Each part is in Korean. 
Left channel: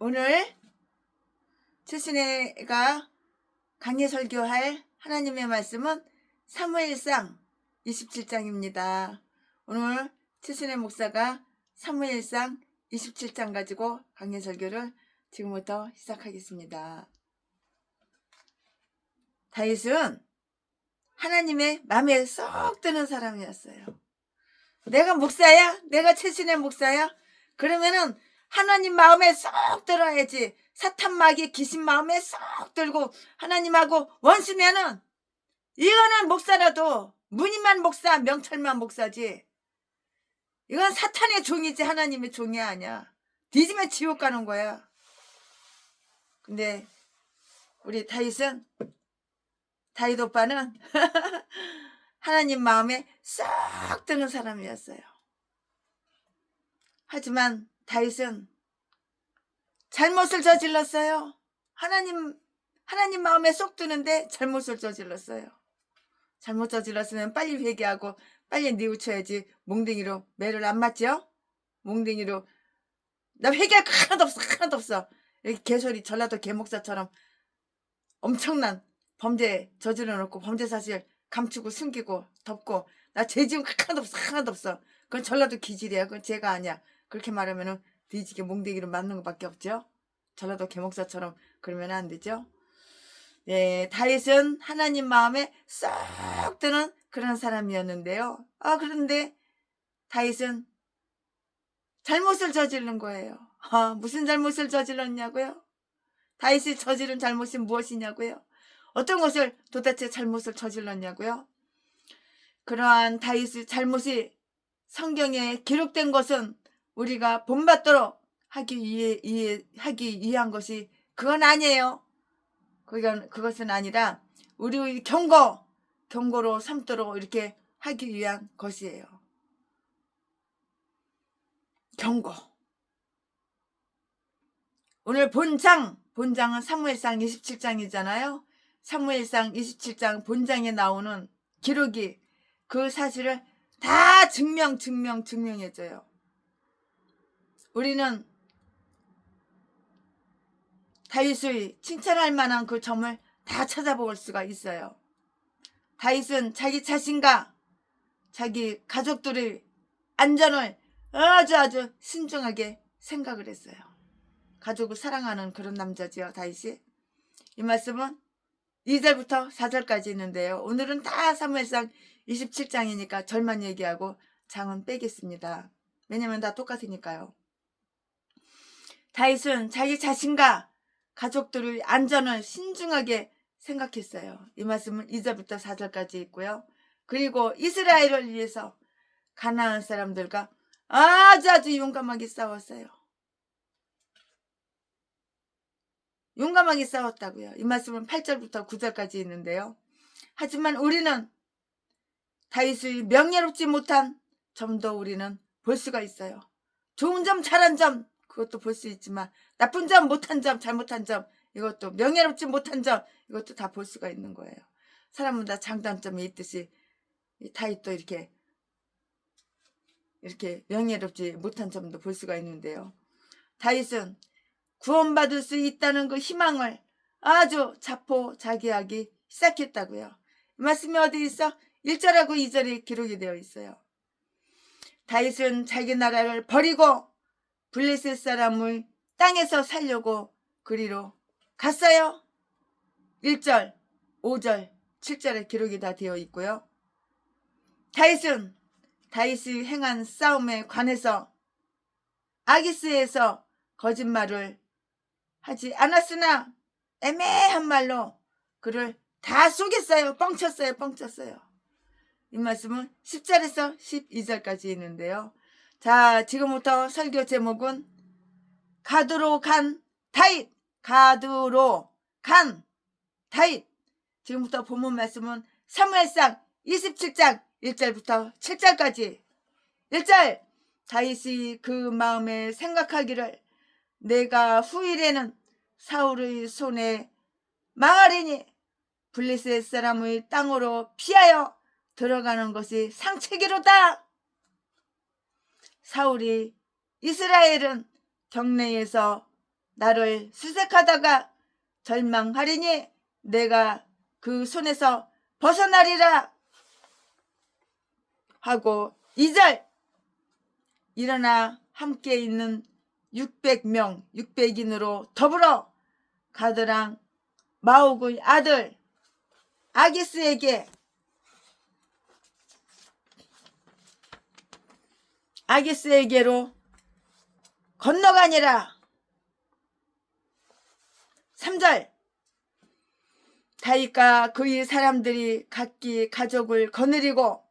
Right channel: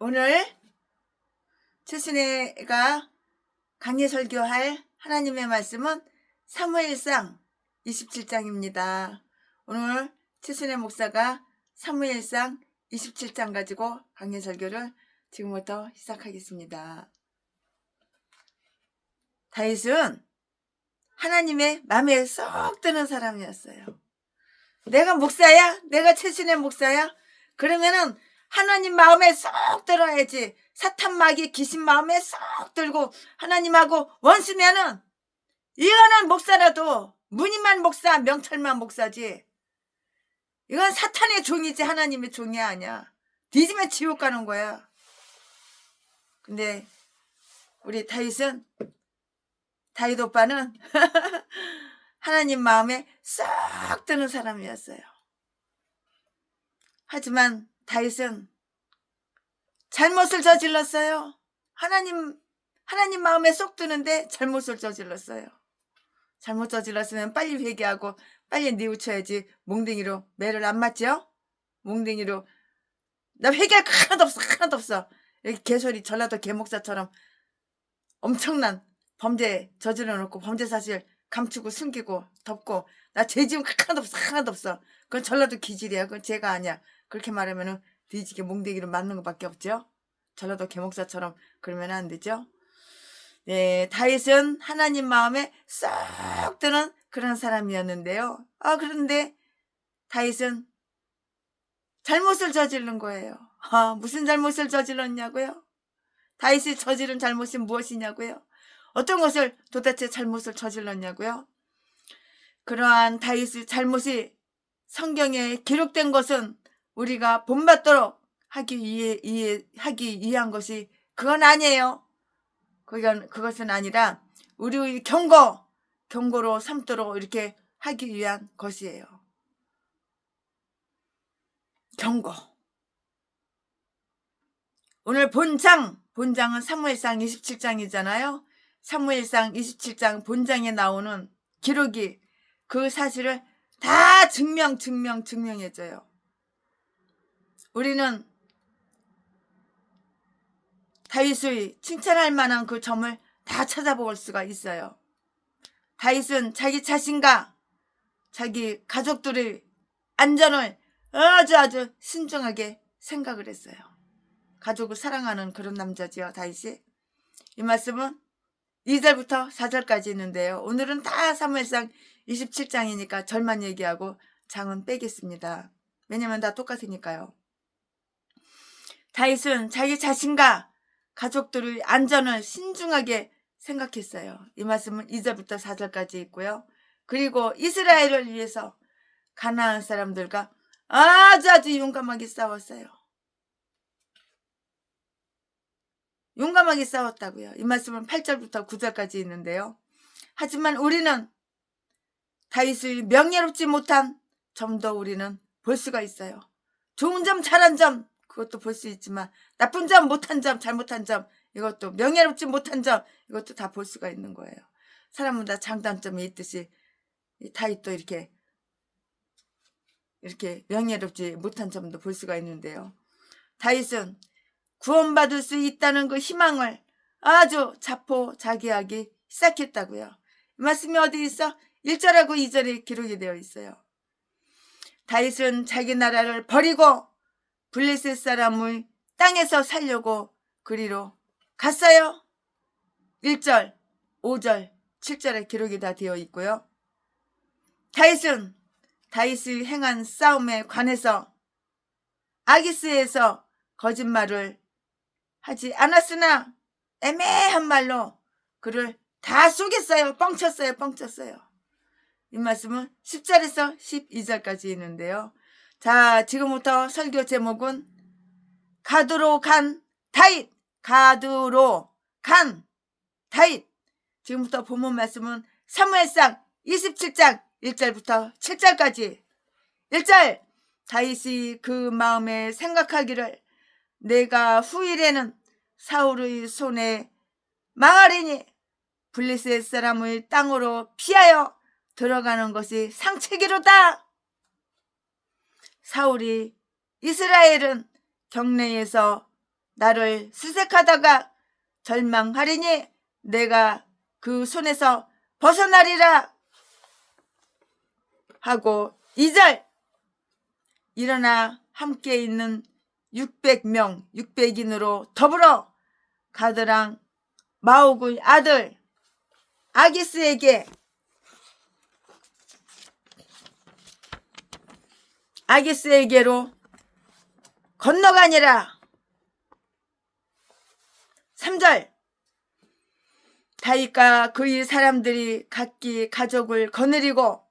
오늘 최순애가 강해 설교할 하나님의 말씀은 사무엘상 27장입니다. 오늘 최순애 목사가 사무엘상 27장 가지고 강해 설교를 지금부터 시작하겠습니다. 다윗은 하나님의 마음에 쏙 드는 사람이었어요. 내가 목사야? 내가 최순애 목사야? 그러면은 하나님 마음에 쏙 들어야지. 사탄 마귀 귀신 마음에 쏙 들고 하나님하고 원수면은 이거는 목사라도 무늬만 목사, 명찰만 목사지. 이건 사탄의 종이지 하나님의 종이 아니야. 뒤지면 지옥 가는 거야. 근데 우리 다윗 오빠는 하나님 마음에 쏙 드는 사람이었어요. 하지만 다윗은 잘못을 저질렀어요. 하나님 마음에 쏙 드는데 잘못을 저질렀어요. 잘못 저질렀으면 빨리 회개하고 빨리 뉘우쳐야지. 몽댕이로 매를 안 맞죠? 몽댕이로 나 회개할 거 하나도 없어. 이렇게 개소리 전라도 개목사처럼 엄청난 범죄 저질러 놓고 범죄 사실 감추고 숨기고 덮고 나 죄 지은 거 하나도 없어. 그건 전라도 기질이야. 그건 죄가 아니야. 그렇게 말하면은 뒤지게 몽댕이로 맞는 것밖에 없죠. 전라도 개목사처럼 그러면 안 되죠. 네, 다윗은 하나님 마음에 쏙 드는 그런 사람이었는데요. 그런데 다윗은 잘못을 저지른 거예요. 무슨 잘못을 저질렀냐고요? 다윗이 저지른 잘못이 무엇이냐고요? 어떤 것을 도대체 잘못을 저질렀냐고요? 그러한 다윗의 잘못이 성경에 기록된 것은 우리가 본받도록 하기 위한 것이 그건 아니에요. 그것은 아니라 우리 경고로 삼도록 이렇게 하기 위한 것이에요. 경고. 오늘 본장은 사무엘상 27장이잖아요. 사무엘상 27장 본장에 나오는 기록이 그 사실을 다 증명해줘요. 우리는 다윗의 칭찬할 만한 그 점을 다 찾아볼 수가 있어요. 다윗은 자기 자신과 자기 가족들의 안전을 아주 신중하게 생각을 했어요. 가족을 사랑하는 그런 남자지요, 다윗이. 이 말씀은 2절부터 4절까지 있는데요. 오늘은 다 사무엘상 27장이니까 절만 얘기하고 장은 빼겠습니다. 왜냐면 다 똑같으니까요. 다윗은 자기 자신과 가족들의 안전을 신중하게 생각했어요. 이 말씀은 2절부터 4절까지 있고요. 그리고 이스라엘을 위해서 가나안 사람들과 아주 용감하게 싸웠어요. 용감하게 싸웠다고요. 이 말씀은 8절부터 9절까지 있는데요. 하지만 우리는 다윗의 명예롭지 못한 점도 우리는 볼 수가 있어요. 좋은 점, 잘한 점 그것도 볼 수 있지만 나쁜 점, 못한 점, 잘못한 점 이것도 명예롭지 못한 점 이것도 다 볼 수가 있는 거예요. 사람은 다 장단점이 있듯이 다윗도 이렇게 명예롭지 못한 점도 볼 수가 있는데요. 다윗은 구원받을 수 있다는 그 희망을 아주 자포자기하기 시작했다고요. 이 말씀이 어디 있어? 1절하고 2절에 기록이 되어 있어요. 다윗은 자기 나라를 버리고 블레셋 사람을 땅에서 살려고 그리로 갔어요. 1절, 5절, 7절에 기록이 다 되어 있고요. 다윗은 다윗이 행한 싸움에 관해서 아기스에서 거짓말을 하지 않았으나 애매한 말로 그를 다 속였어요. 뻥쳤어요. 이 말씀은 10절에서 12절까지 있는데요. 자, 지금부터 설교 제목은 가두로 간 다윗. 지금부터 본문 말씀은 사무엘상 27장 1절부터 7절까지. 1절, 다윗이 그 마음에 생각하기를 내가 후일에는 사울의 손에 망하리니 블레셋 사람의 땅으로 피하여 들어가는 것이 상책이로다. 사울이 이스라엘은 경내에서 나를 수색하다가 절망하리니 내가 그 손에서 벗어나리라 하고 2절 일어나 함께 있는 600명 600인으로 더불어 가드랑 마옥의 아들 아기스에게로 건너가니라. 3절 다윗과 그의 사람들이 각기 가족을 거느리고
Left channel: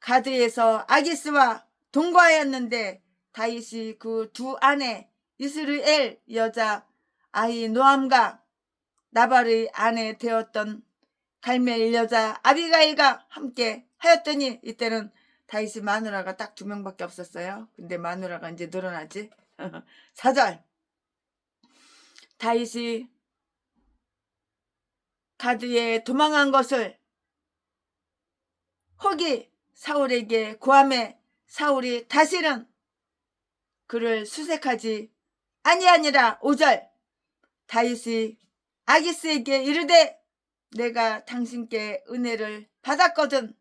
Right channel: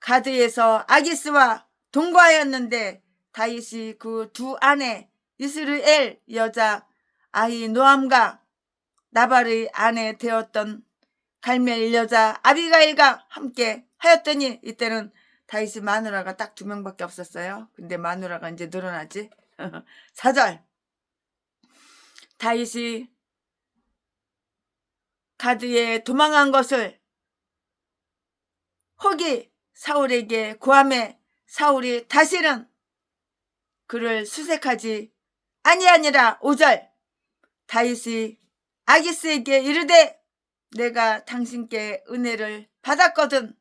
가드에서 아기스와 동거하였는데 다윗이 그 두 아내 이스라엘 여자 아히노암과 나발의 아내 되었던 갈멜 여자 아비가일과 함께 하였더니 이때는 다윗이 마누라가 딱 2명밖에 없었어요. 근데 마누라가 이제 늘어나지. 4절 다윗이 가드에 도망한 것을 혹이 사울에게 고함해 사울이 다시는 그를 수색하지 아니하니라. 5절 다윗이 아기스에게 이르되 내가 당신께 은혜를 받았거든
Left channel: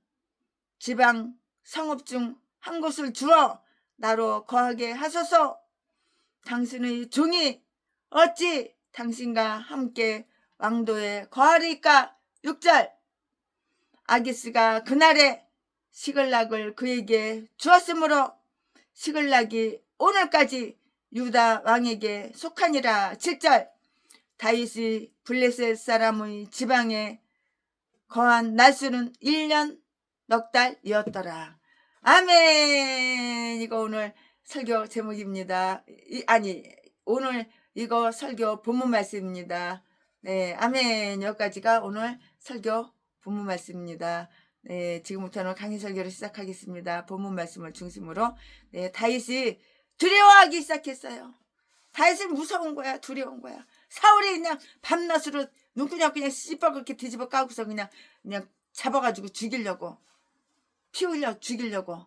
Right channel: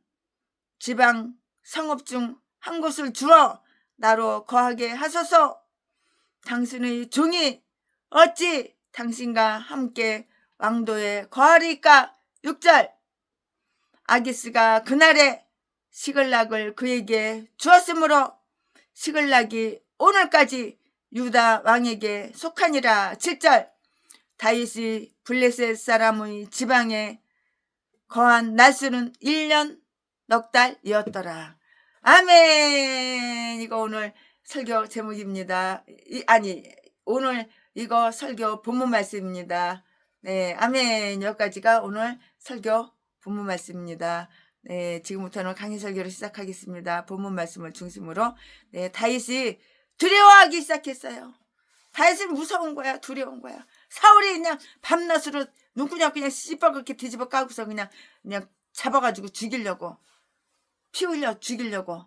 지방 성읍 중 한 곳을 주어 나로 거하게 하소서. 당신의 종이 어찌 당신과 함께 왕도에 거하리까. 6절 아기스가 그날에 시글락을 그에게 주었으므로 시글락이 오늘까지 유다 왕에게 속하니라. 7절 다윗이 블레셋 사람의 지방에 거한 날수는 1년 넉 달이었더라. 아멘. 이거 오늘 설교 제목입니다. 오늘 이거 설교 본문 말씀입니다. 네, 아멘. 여기까지가 오늘 설교 본문 말씀입니다. 네, 지금부터는 강의 설교를 시작하겠습니다. 본문 말씀을 중심으로. 네, 다윗이 두려워하기 시작했어요. 다윗은 무서운 거야, 두려운 거야. 사울이 그냥 밤낮으로 눈구녕 그냥 시뻘겋게 뒤집어 까고서 그냥 잡아가지고 죽이려고, 피 흘려 죽이려고,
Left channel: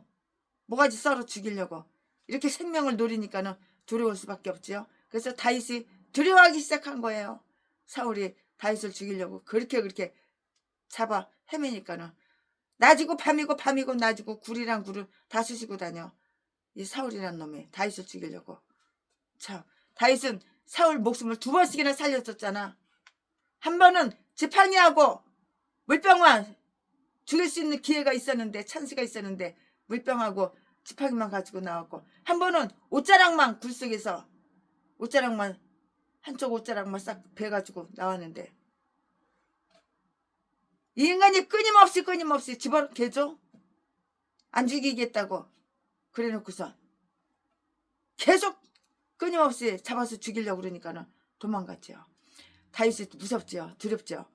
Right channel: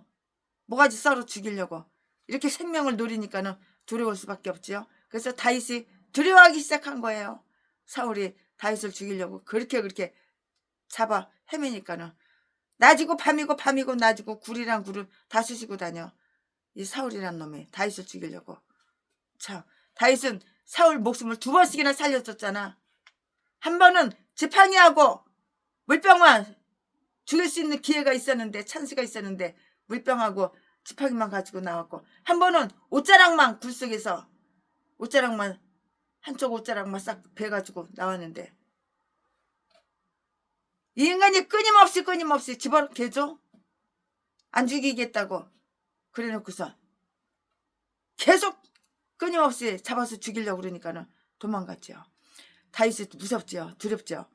모가지 썰어 죽이려고 이렇게 생명을 노리니까는 두려울 수밖에 없지요. 그래서 다윗이 두려워하기 시작한 거예요. 사울이 다윗을 죽이려고 그렇게 잡아 헤매니까는 낮이고 밤이고 낮이고 굴이랑 굴을 다 쑤시고 다녀. 이 사울이란 놈이 다윗을 죽이려고. 자, 다윗은 사울 목숨을 2번씩이나 살렸었잖아. 한 번은 지팡이하고 물병만 죽일 수 있는 기회가 있었는데, 찬스가 있었는데 물병하고 지팡이만 가지고 나왔고, 한 번은 옷자락만 굴 속에서 한쪽 옷자락만 싹 베가지고 나왔는데, 이 인간이 끊임없이 집어개줘? 안 죽이겠다고 그래 놓고서 계속 끊임없이 잡아서 죽이려고 그러니까는 도망갔죠. 다윗이 무섭죠. 두렵죠.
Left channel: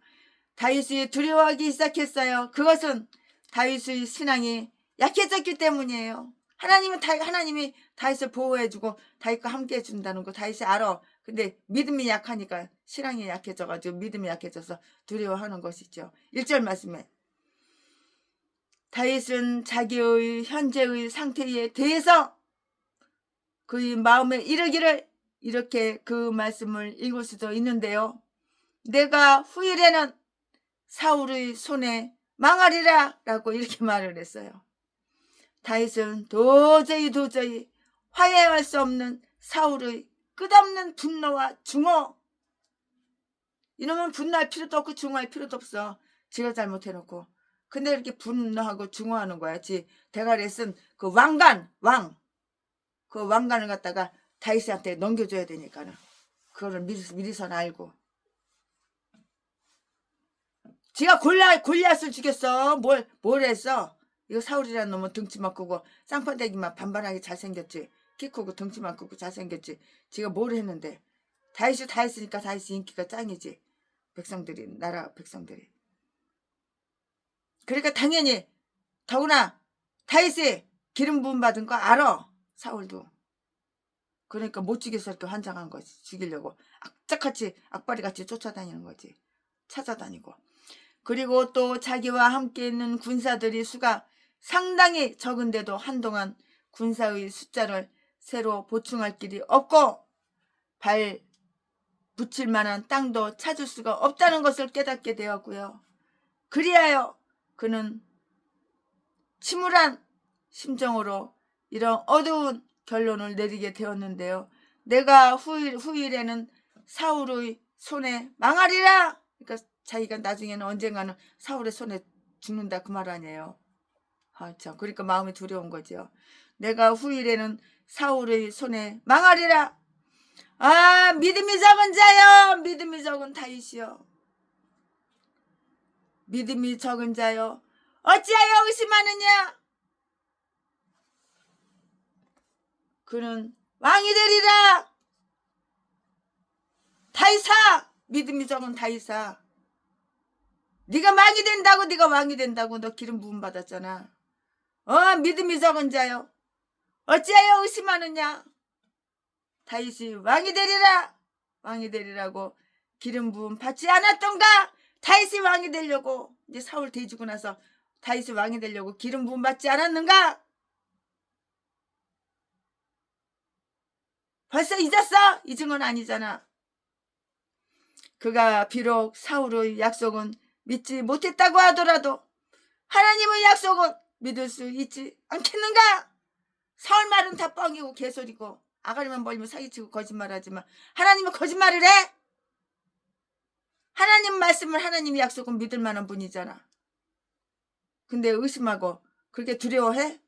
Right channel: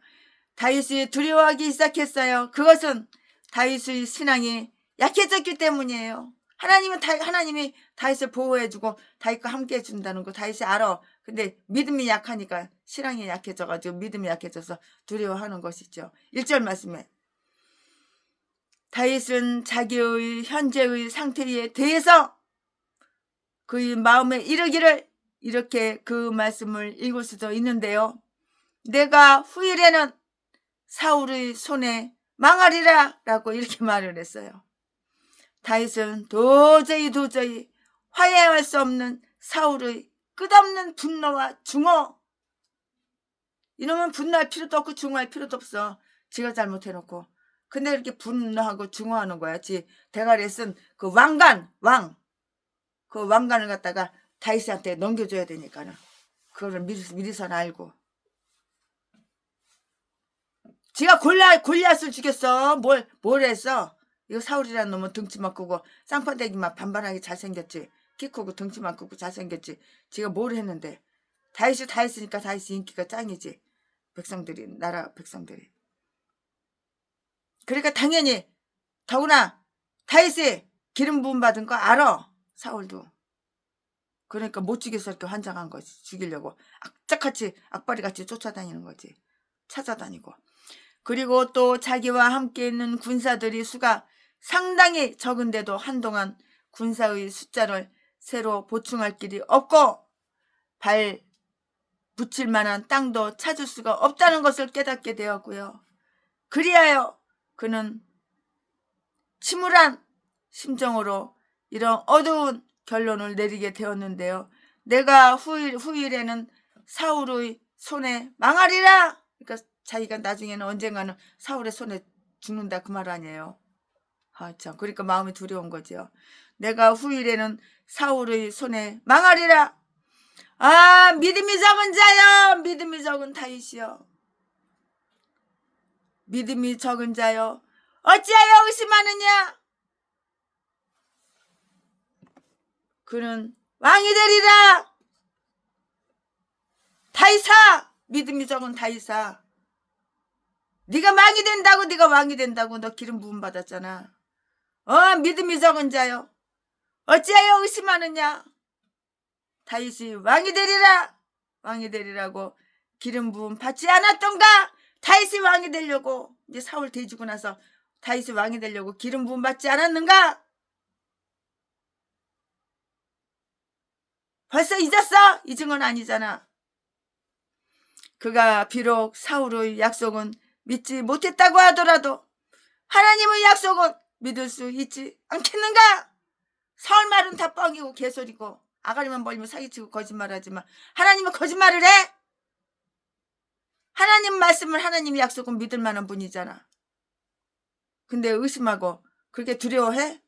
다윗이 두려워하기 시작했어요. 그것은 다윗의 신앙이 약해졌기 때문이에요. 하나님이 다윗을 보호해주고 다윗과 함께 해준다는 거 다윗이 알아. 근데 믿음이 약하니까 신앙이 약해져가지고 믿음이 약해져서 두려워하는 것이죠. 1절 말씀에 다윗은 자기의 현재의 상태에 대해서 그의 마음에 이르기를 이렇게 그 말씀을 읽을 수도 있는데요. 내가 후일에는 사울의 손에 망하리라 라고 이렇게 말을 했어요. 다윗은 도저히 화해할 수 없는 사울의 끝없는 분노와 중어. 이놈은 분노할 필요도 없고 중어할 필요도 없어. 지가 잘못해놓고. 근데 이렇게 분노하고 중어하는 거야. 대가리에 쓴 그 그 왕관을 갖다가 다윗한테 넘겨줘야 되니까는. 그거를 미리선 알고. 지가 골리앗을 죽였어. 뭘 했어? 이거 사울이라는 놈은 덩치만 크고 쌍판대기만 반반하게 잘생겼지. 키 크고 덩치만 크고 잘생겼지. 지가 뭘 했는데. 다윗이니까 다윗이 인기가 짱이지. 나라 백성들이. 그러니까 당연히 더구나 다윗이 기름 부음 받은 거 알아. 사울도. 그러니까 못 죽여서 이렇게 환장한 거지. 죽이려고 악바리같이 쫓아다니는 거지. 찾아다니고. 그리고 또 자기와 함께 있는 군사들이 수가 상당히 적은데도 한동안 군사의 숫자를 새로 보충할 길이 없고 묻힐 만한 땅도 찾을 수가 없다는 것을 깨닫게 되었고요. 그리하여 그는 침울한 심정으로 이런 어두운 결론을 내리게 되었는데요. 내가 후일에는 사울의 손에 망하리라. 그러니까 자기가 나중에는 언젠가는 사울의 손에 죽는다 그 말 아니에요. 참, 그러니까 마음이 두려운 거죠. 내가 후일에는 사울의 손에 망하리라. 믿음이 적은 자여, 믿음이 적은 다윗이여, 믿음이 적은 자여, 어찌하여 의심하느냐? 그는 왕이 되리라. 다윗아, 믿음이 적은 다윗아, 네가 왕이 된다고, 네가 왕이 된다고. 너 기름 부음 받았잖아. 믿음이 적은 자여, 어찌하여 의심하느냐? 다윗이 왕이 되리라. 왕이 되리라고 기름 부음 받지 않았던가? 다윗이 왕이 되려고, 이제 사울 뒤지고 나서 다윗이 왕이 되려고 기름 부음 받지 않았는가? 벌써 잊었어? 잊은 건 아니잖아. 그가 비록 사울의 약속은 믿지 못했다고 하더라도 하나님의 약속은 믿을 수 있지 않겠는가? 사울 말은 다 뻥이고 개소리고 아가리만 벌리면 사기치고 거짓말하지만 하나님은 거짓말을 해? 하나님 말씀을, 하나님 약속은 믿을 만한 분이잖아. 근데 의심하고 그렇게 두려워해?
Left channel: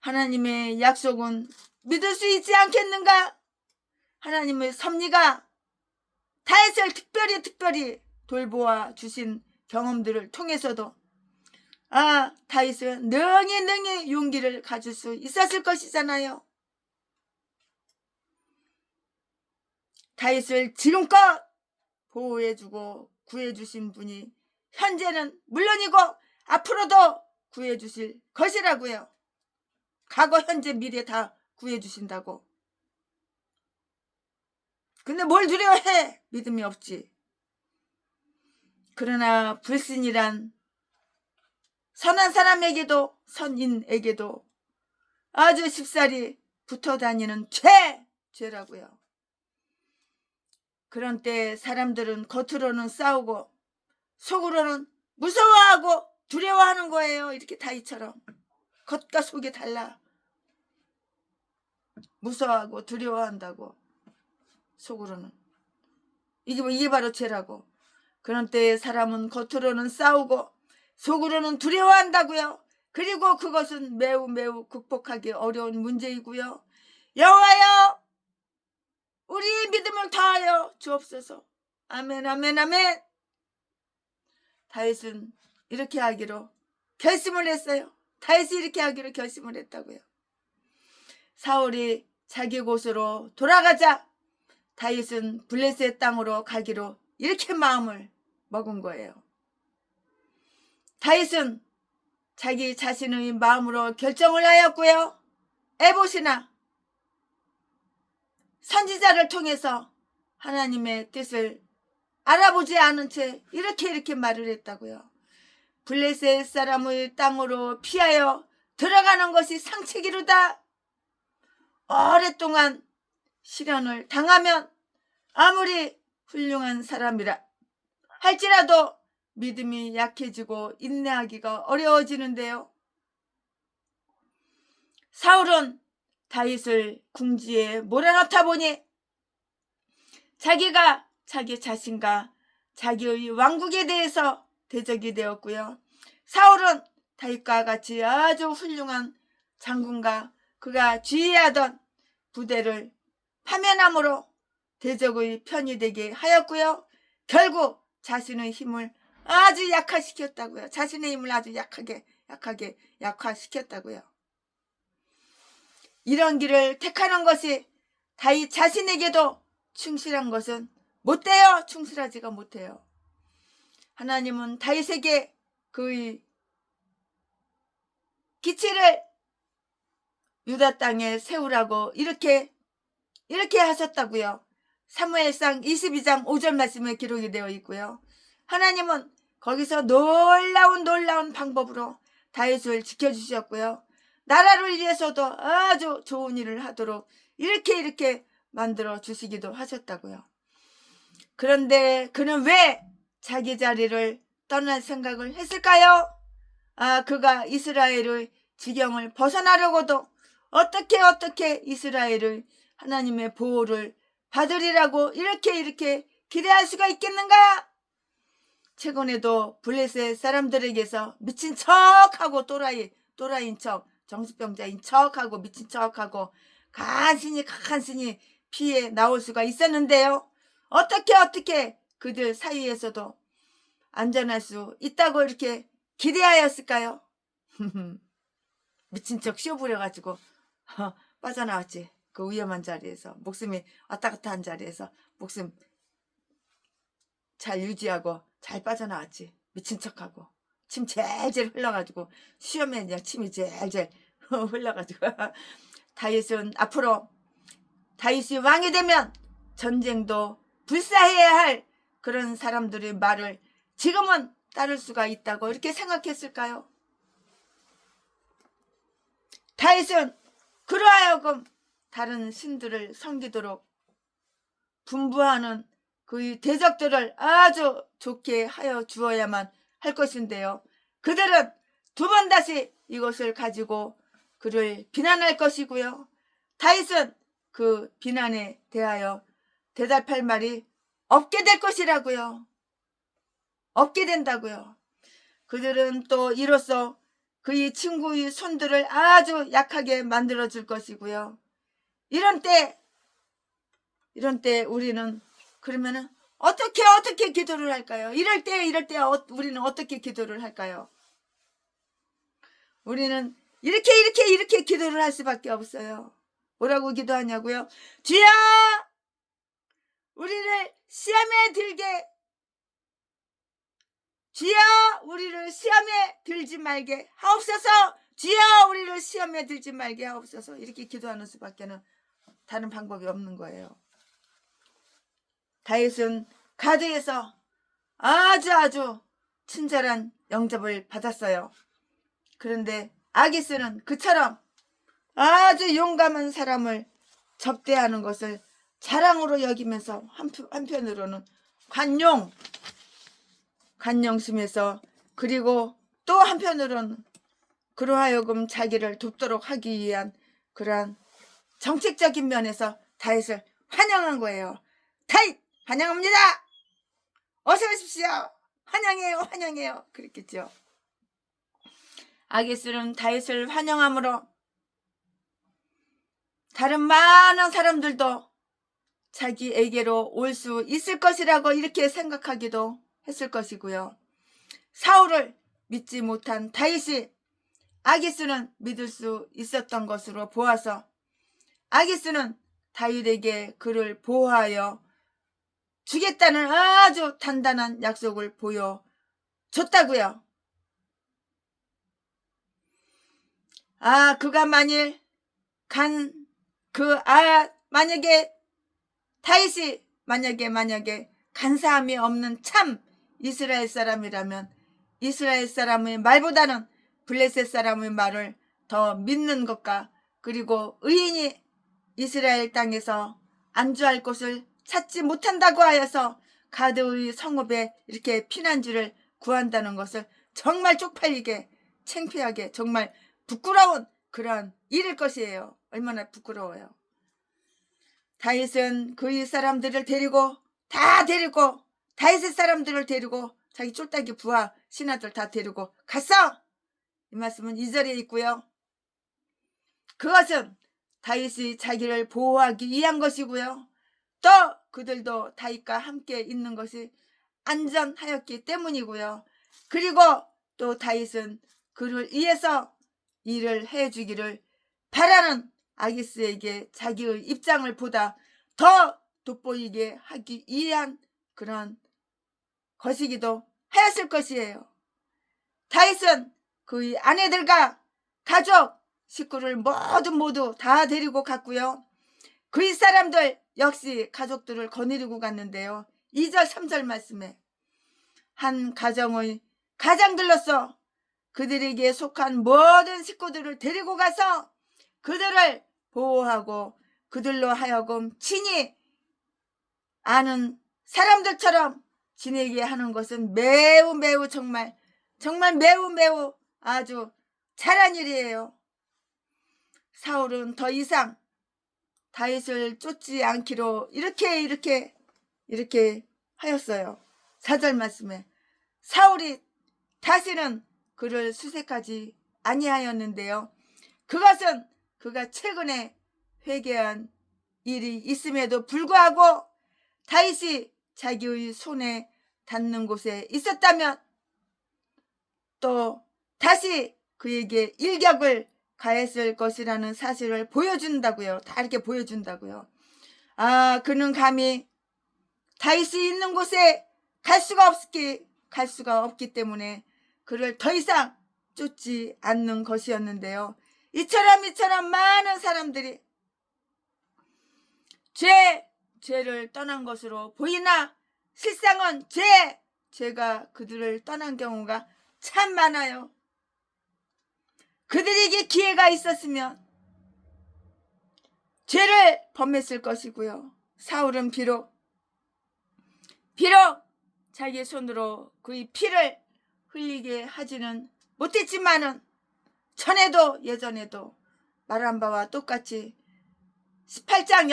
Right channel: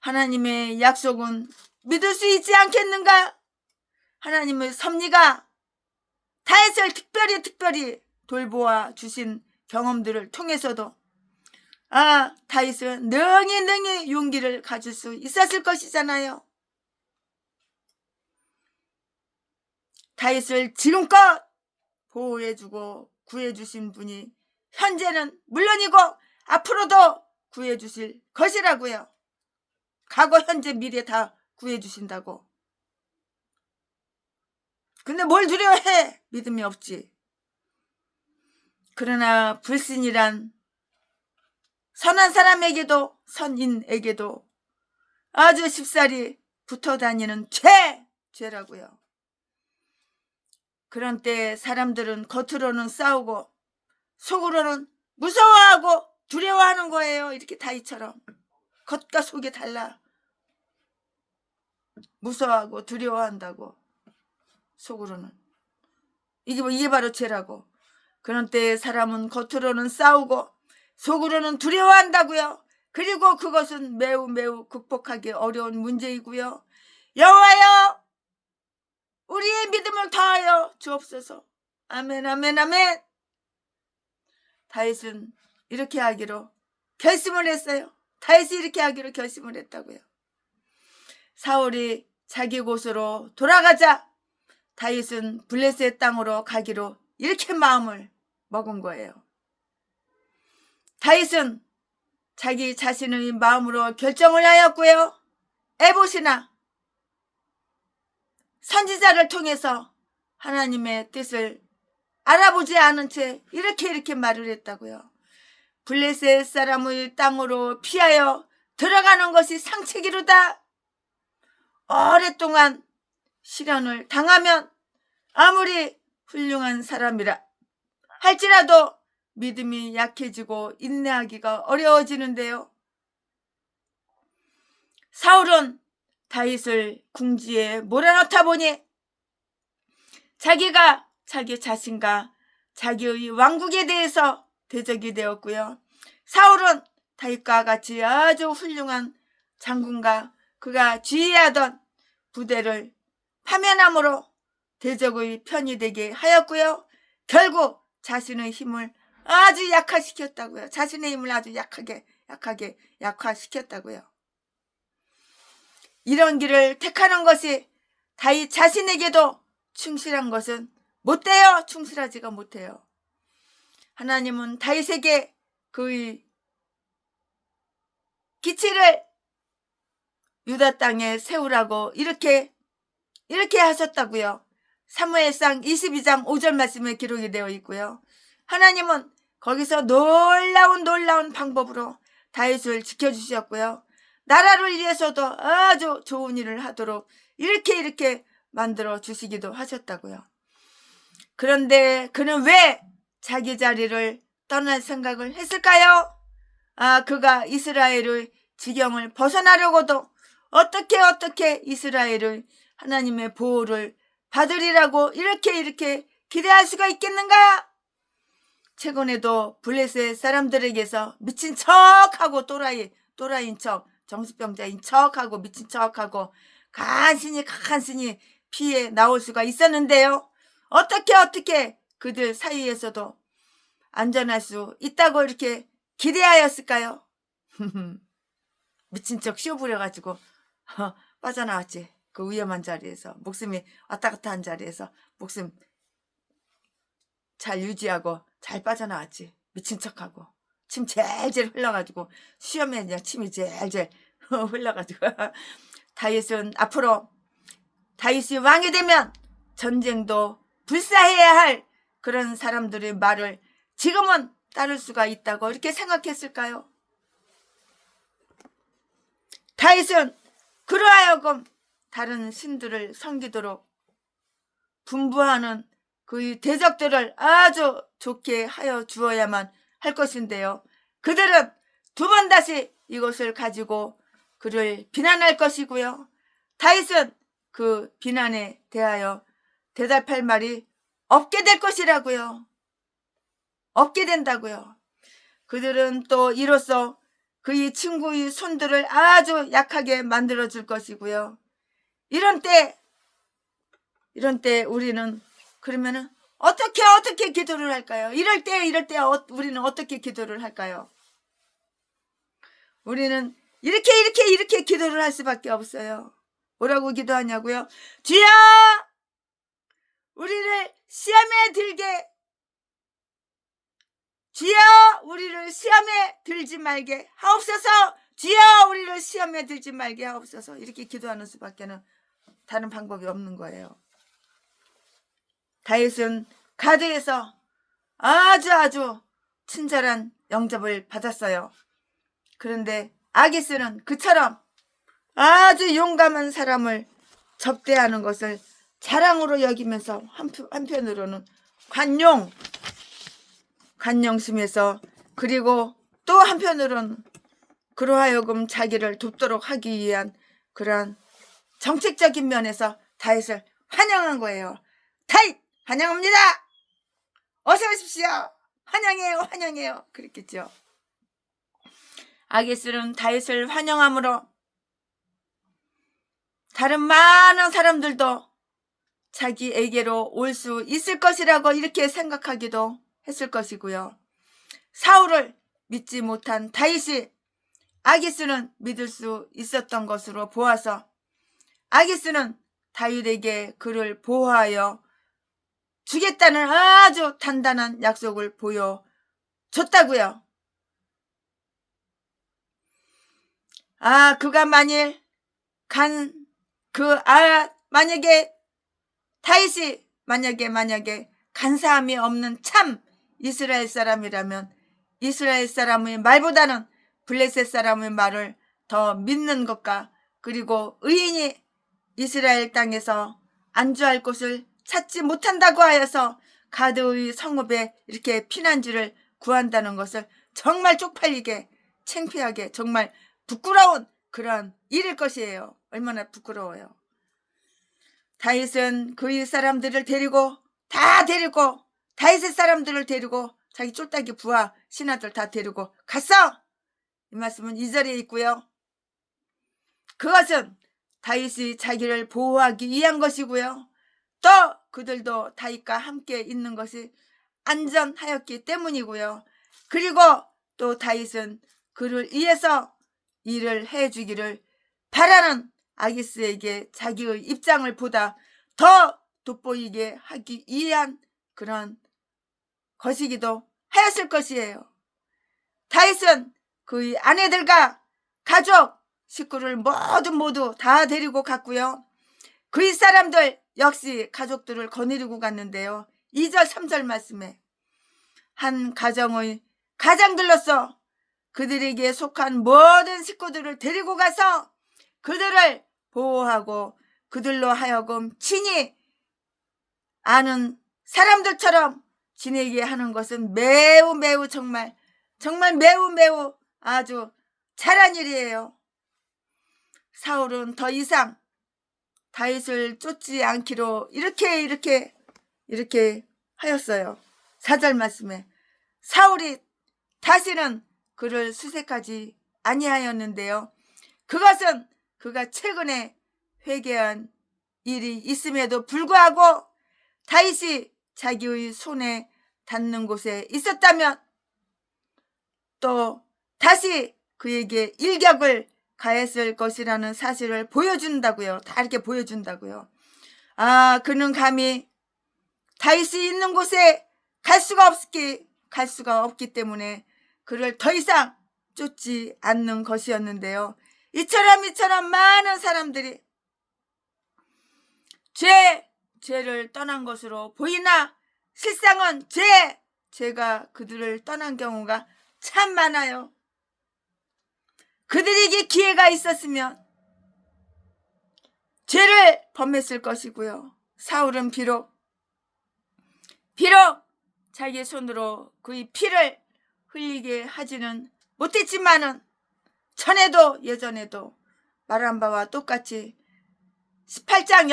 하나님의 약속은 믿을 수 있지 않겠는가? 하나님의 섭리가 다윗을 특별히 돌보아 주신 경험들을 통해서도 다윗은 능히 용기를 가질 수 있었을 것이잖아요. 다윗을 지금껏 보호해주고 구해주신 분이 현재는 물론이고 앞으로도 구해주실 것이라고요. 과거, 현재, 미래 다 구해주신다고. 근데 뭘 두려워해? 믿음이 없지. 그러나 불신이란 선한 사람에게도 선인에게도 아주 쉽사리 붙어 다니는 죄라고요. 그런 때 사람들은 겉으로는 싸우고 속으로는 무서워하고 두려워하는 거예요. 이렇게 다윗처럼 겉과 속이 달라. 무서워하고 두려워한다고. 속으로는 이게 바로 죄라고. 그런 때 사람은 겉으로는 싸우고 속으로는 두려워한다고요. 그리고 그것은 매우 극복하기 어려운 문제이고요. 여호와여, 우리의 믿음을 더하여 주옵소서. 아멘. 다윗은 이렇게 하기로 결심을 했어요. 다윗이 이렇게 하기로 결심을 했다고요. 사울이 자기 곳으로 돌아가자 다윗은 블레셋 땅으로 가기로 이렇게 마음을 먹은 거예요. 다윗은 자기 자신의 마음으로 결정을 하였고요. 에봇이나 선지자를 통해서 하나님의 뜻을 알아보지 않은 채 이렇게 말을 했다고요. 블레셋 사람의 땅으로 피하여 들어가는 것이 상책이로다. 오랫동안 시련을 당하면 아무리 훌륭한 사람이라 할지라도 믿음이 약해지고 인내하기가 어려워지는데요. 사울은 다윗을 궁지에 몰아넣다 보니 자기가 자기 자신과 자기의 왕국에 대해서 대적이 되었고요. 사울은 다윗과 같이 아주 훌륭한 장군과 그가 지휘하던 부대를 파면함으로 대적의 편이 되게 하였고요. 결국 자신의 힘을 아주 약화시켰다고요. 자신의 힘을 아주 약하게 약화시켰다고요. 이런 길을 택하는 것이 다윗 자신에게도 충실한 것은 못 돼요. 충실하지가 못해요. 하나님은 다윗에게 그의 기치를 유다 땅에 세우라고 이렇게 하셨다고요. 사무엘상 22장 5절 말씀에 기록이 되어 있고요. 하나님은 거기서 놀라운 방법으로 다윗을 지켜주셨고요. 나라를 위해서도 아주 좋은 일을 하도록 이렇게 만들어 주시기도 하셨다고요. 그런데 그는 왜 자기 자리를 떠날 생각을 했을까요? 그가 이스라엘의 지경을 벗어나려고도 어떻게 이스라엘의 하나님의 보호를 받으리라고 이렇게 기대할 수가 있겠는가? 최근에도 블레셋 사람들에게서 미친 척하고 또라이인 척, 정신병자인 척하고 미친 척하고 간신히 피해 나올 수가 있었는데요. 어떻게 그들 사이에서도 안전할 수 있다고 이렇게 기대하였을까요? 미친 척 씌워부려가지고 빠져나왔지. 그 위험한 자리에서, 목숨이 왔다 갔다 한 자리에서 목숨 잘 유지하고 잘 빠져나왔지. 미친 척하고 침 젤젤 흘러가지고 수염에 그냥 침이 젤젤 흘러가지고 다윗은 앞으로 다윗이 왕이 되면 전쟁도 불사해야 할 그런 사람들의 말을 지금은 따를 수가 있다고 이렇게 생각했을까요? 다윗은 그러하여금 다른 신들을 섬기도록 분부하는 그 대적들을 아주 좋게 하여 주어야만 할 것인데요. 그들은 두 번 다시 이것을 가지고 그를 비난할 것이고요. 다윗은 그 비난에 대하여 대답할 말이 없게 될 것이라고요. 없게 된다고요. 그들은 또 이로써 그의 친구의 손들을 아주 약하게 만들어 줄 것이고요. 이런 때 우리는 그러면은 어떻게 기도를 할까요? 이럴 때 우리는 어떻게 기도를 할까요? 우리는 이렇게 기도를 할 수밖에 없어요. 뭐라고 기도하냐고요? 주여, 우리를 시험에 들게, 주여 우리를 시험에 들지 말게 하옵소서. 주여 우리를 시험에 들지 말게 하옵소서. 이렇게 기도하는 수밖에는 다른 방법이 없는 거예요. 다윗은 가드에서 아주 친절한 영접을 받았어요. 그런데 아기스는 그처럼 아주 용감한 사람을 접대하는 것을 자랑으로 여기면서 한편으로는 관용심에서, 그리고 또 한편으로는 그러하여금 자기를 돕도록 하기 위한 그러한 정책적인 면에서 다윗을 환영한 거예요. 다윗 환영합니다. 어서 오십시오. 환영해요. 그랬겠죠. 아기스는 다윗을 환영함으로 다른 많은 사람들도 자기에게로 올 수 있을 것이라고 이렇게 생각하기도 했을 것이고요. 사울을 믿지 못한 다윗이 아기스는 믿을 수 있었던 것으로 보아서 아기스는 다윗에게 그를 보호하여 주겠다는 아주 단단한 약속을 보여줬다고요. 그가 만약에 다윗이 만약에 간사함이 없는 참 이스라엘 사람이라면 이스라엘 사람의 말보다는 블레셋 사람의 말을 더 믿는 것과, 그리고 의인이 이스라엘 땅에서 안주할 곳을 찾지 못한다고 하여서 가드의 성읍에 이렇게 피난지를 구한다는 것을 정말 쪽팔리게, 창피하게, 정말 부끄러운 그런 일일 것이에요. 얼마나 부끄러워요. 다윗은 그의 사람들을 데리고 다윗의 사람들을 데리고 자기 쫄딱이 부하 신하들 다 데리고 갔어. 이 말씀은 2절에 있고요. 그것은 다윗이 자기를 보호하기 위한 것이고요. 또 그들도 다윗과 함께 있는 것이 안전하였기 때문이고요. 그리고 또 다윗은 그를 위해서 일을 해주기를 바라는 아기스에게 자기의 입장을 보다 더 돋보이게 하기 위한 그런 것이기도 하였을 것이에요. 다윗은 그의 아내들과 가족, 식구를 모두 다 데리고 갔고요. 그의 사람들 역시 가족들을 거느리고 갔는데요. 2절 3절 말씀에 한 가정의 가장들로서 그들에게 속한 모든 식구들을 데리고 가서 그들을 보호하고 그들로 하여금 친히 아는 사람들처럼 지내게 하는 것은 매우 매우 정말 매우 매우 아주 잘한 일이에요. 사울은 더 이상 다윗을 쫓지 않기로 이렇게 하였어요. 4절 말씀에 사울이 다시는 그를 수색하지 아니하였는데요. 그것은 그가 최근에 회개한 일이 있음에도 불구하고 다윗이 자기의 손에 닿는 곳에 있었다면 또 다시 그에게 일격을 가했을 것이라는 사실을 보여준다고요. 다 이렇게 보여준다고요. 그는 감히 다윗이 있는 곳에 갈 수가 없기 때문에 그를 더 이상 쫓지 않는 것이었는데요. 이처럼 많은 사람들이 죄를 떠난 것으로 보이나 실상은 죄가 그들을 떠난 경우가 참 많아요. 그들에게 기회가 있었으면 죄를 범했을 것이고요. 사울은 비록 자기 손으로 그의 피를 흘리게 하지는 못했지만은 예전에도 말한 바와 똑같이 18장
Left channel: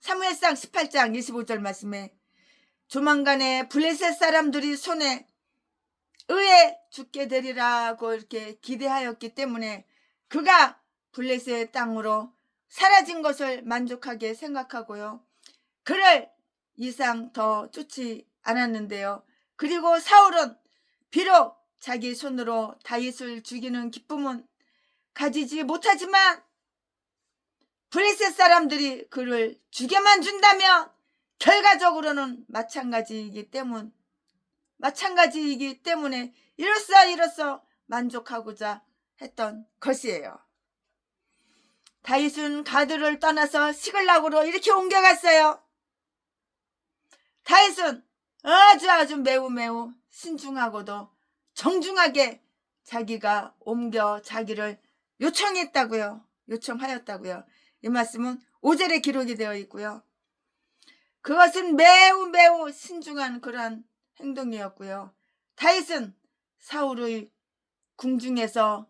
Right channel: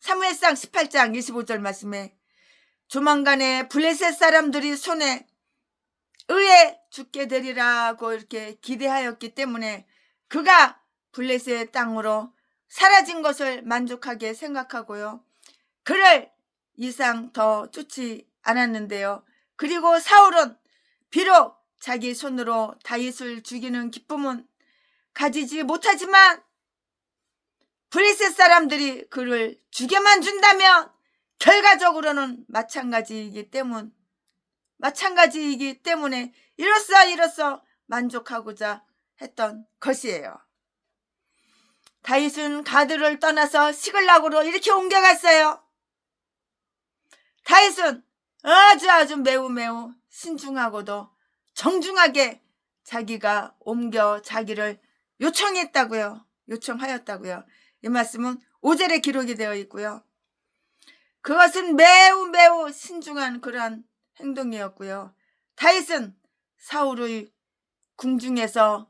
사무엘상 18장 25절 말씀에 조만간에 블레셋 사람들이 손에 의해 죽게 되리라고 이렇게 기대하였기 때문에 그가 블레셋 땅으로 사라진 것을 만족하게 생각하고요. 그를 이상 더 쫓지 않았는데요. 그리고 사울은 비록 자기 손으로 다윗을 죽이는 기쁨은 가지지 못하지만 블레셋 사람들이 그를 죽여만 준다면 결과적으로는 마찬가지이기 때문에 이로써 만족하고자 했던 것이에요. 다윗은 가드를 떠나서 시글락으로 이렇게 옮겨갔어요. 다윗은 아주 매우 신중하고도 정중하게 자기가 자기를 요청하였다고요. 이 말씀은 5절에 기록이 되어 있고요. 그것은 매우 신중한 그런 행동이었고요. 다윗은 사울의 궁중에서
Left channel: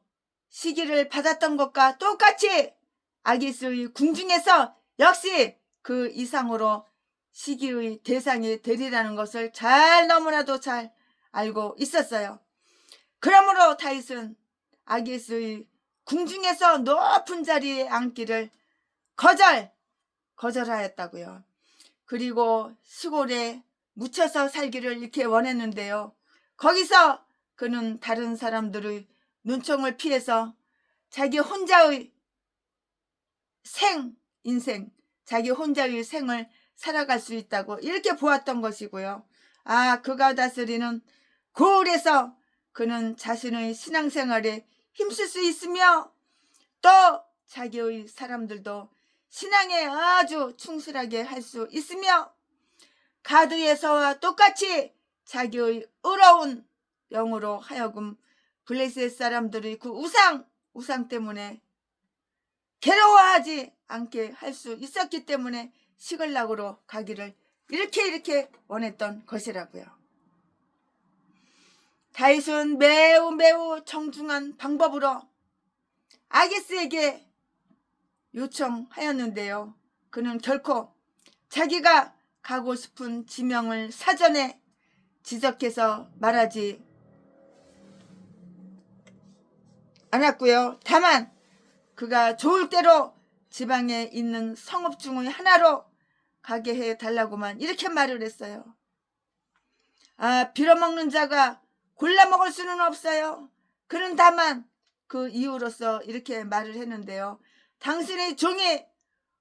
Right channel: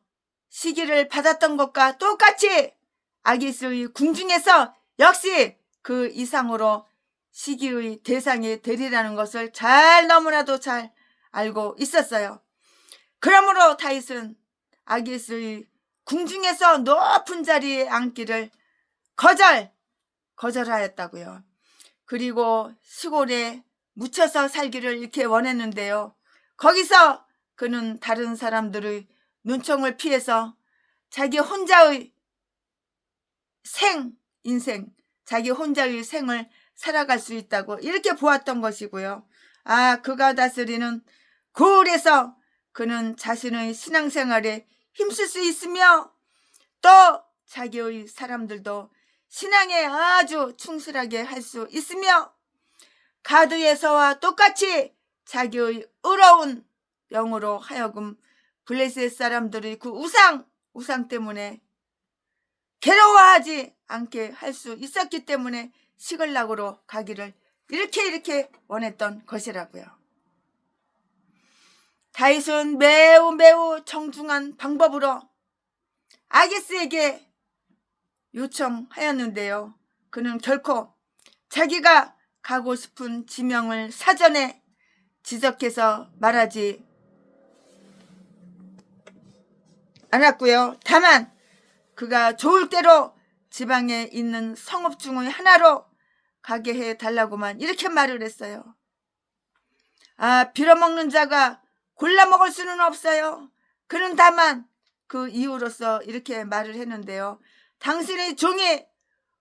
시기를 받았던 것과 똑같이 아기스의 궁중에서 역시 그 이상으로 시기의 대상이 되리라는 것을 너무나도 잘 알고 있었어요. 그러므로 다윗은 아기스의 궁중에서 높은 자리에 앉기를 거절하였다고요. 그리고 시골에 묻혀서 살기를 이렇게 원했는데요. 거기서 그는 다른 사람들의 눈총을 피해서 자기 혼자의 생을 살아갈 수 있다고 이렇게 보았던 것이고요. 그가 다스리는 고을에서 그는 자신의 신앙생활에 힘쓸 수 있으며 또 자기의 사람들도 신앙에 아주 충실하게 할 수 있으며 가드에서와 똑같이 자기의 의로운 영으로 하여금 블레셋 사람들의 그 우상 때문에 괴로워하지 않게 할 수 있었기 때문에 시글락으로 가기를 이렇게 원했던 것이라고요. 다윗은 매우 정중한 방법으로 아기스에게 요청하였는데요. 그는 결코 자기가 가고 싶은 지명을 사전에 지적해서 말하지 않았고요. 다만 그가 좋을 대로 지방에 있는 성읍 중의 하나로 가게 해달라고만 이렇게 말을 했어요. 빌어먹는 자가 골라 먹을 수는 없어요. 그는 다만 그 이유로서 이렇게 말을 했는데요. 당신의 종이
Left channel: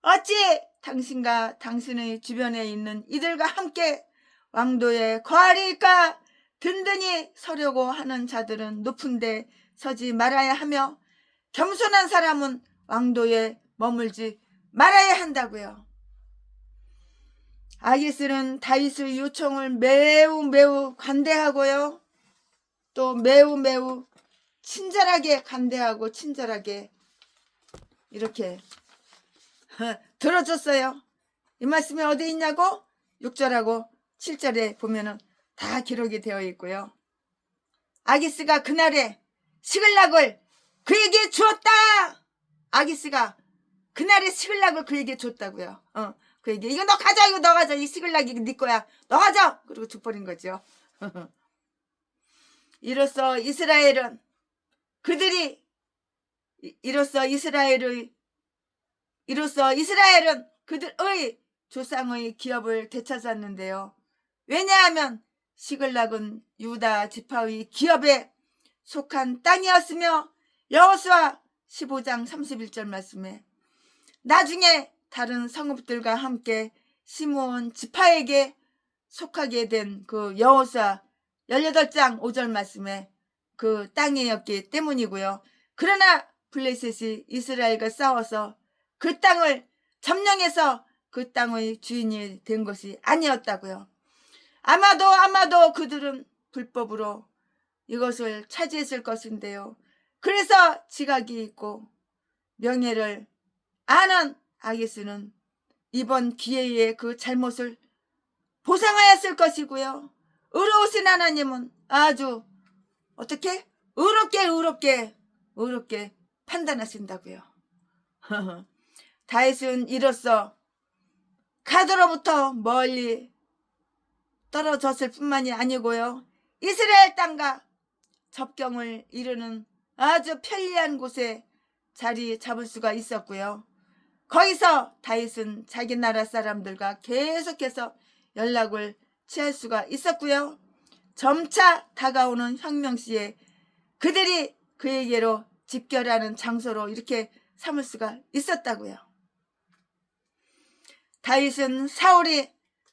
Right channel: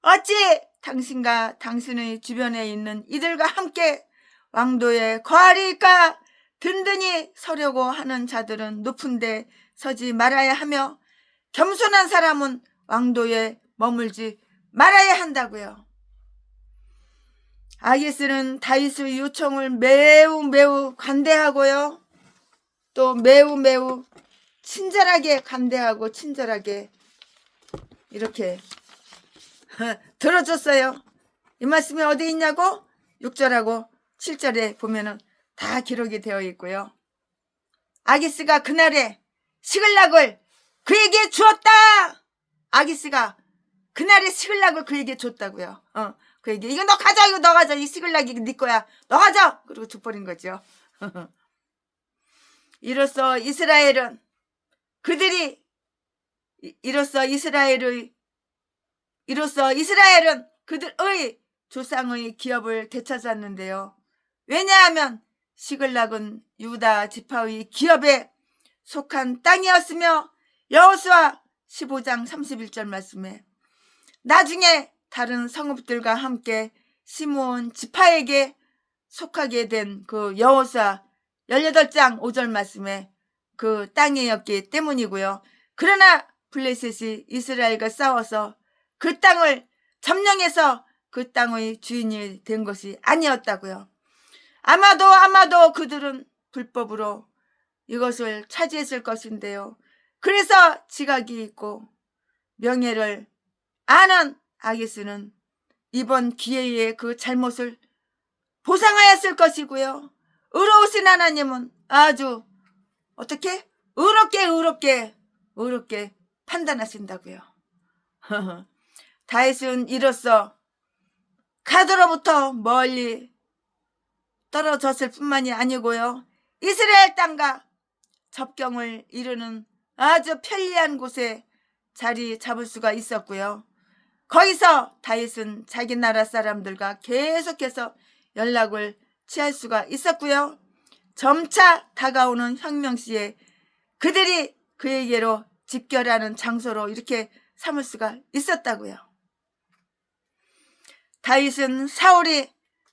어찌 당신과 당신의 주변에 있는 이들과 함께 왕도에 거하리까? 든든히 서려고 하는 자들은 높은 데 서지 말아야 하며 겸손한 사람은 왕도에 머물지 말아야 한다고요. 아기스는 다윗의 요청을 매우 관대하고요. 또 매우 친절하게 관대하고 친절하게 이렇게 들어줬어요. 이 말씀이 어디 있냐고? 6절하고 7절에 보면은 다 기록이 되어 있고요. 아기스가 그날에 시글락을 그에게 주었다. 아기스가 그날에 시글락을 그에게 줬다고요. 그에게 이거 너 가져, 이거 너 가져, 이 시글락이 네 거야, 너 가져. 그리고 줘버린 거죠. 이로써 이스라엘은 그들의 조상의 기업을 되찾았는데요. 왜냐하면 시글락은 유다 지파의 기업에 속한 땅이었으며 여호수아 15장 31절 말씀에 나중에 다른 성읍들과 함께 시므온 지파에게 속하게 된 그 여호수아 18장 5절 말씀에 그 땅이었기 때문이고요. 그러나 블레셋이 이스라엘과 싸워서 그 땅을 점령해서 그 땅의 주인이 된 것이 아니었다고요. 아마도 그들은 불법으로 이것을 차지했을 것인데요. 그래서 지각이 있고 명예를 아는 아기스는 이번 기회에 그 잘못을 보상하였을 것이고요. 의로우신 하나님은 아주 어떻게? 의롭게 판단하신다고요. 다윗은 이로써 가드로부터 멀리 떨어졌을 뿐만이 아니고요. 이스라엘 땅과 접경을 이루는 아주 편리한 곳에 자리 잡을 수가 있었고요. 거기서 다윗은 자기 나라 사람들과 계속해서 연락을 취할 수가 있었고요. 점차 다가오는 혁명시에 그들이 그에게로 집결하는 장소로 이렇게 삼을 수가 있었다고요. 다윗은 사울이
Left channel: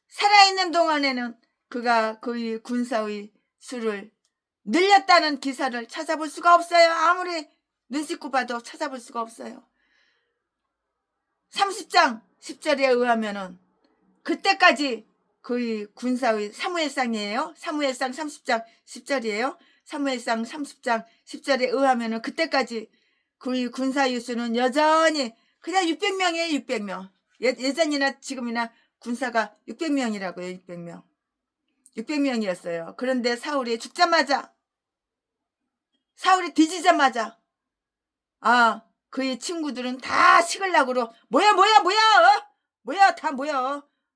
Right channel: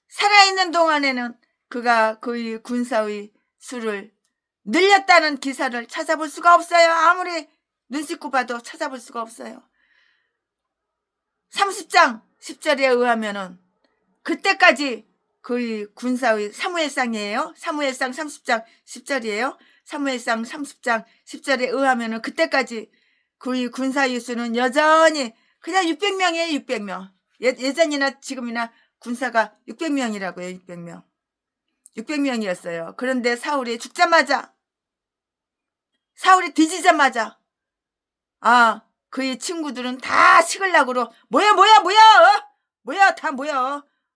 살아있는 동안에는 그가 그의 군사의 수를 늘렸다는 기사를 찾아볼 수가 없어요. 아무리 눈 씻고 봐도 찾아볼 수가 없어요. 30장 10절에 의하면은 그때까지 그의 군사의 사무엘상이에요. 사무엘상 30장 10절이에요. 사무엘상 30장 10절에 의하면은 그때까지 그의 군사의 수는 여전히 그냥 600명이에요. 600명. 예전이나 지금이나 군사가 600명이라고요. 600명. 600명이었어요. 그런데 사울이 죽자마자, 사울이 뒤지자마자 그의 친구들은 다 시글락으로 다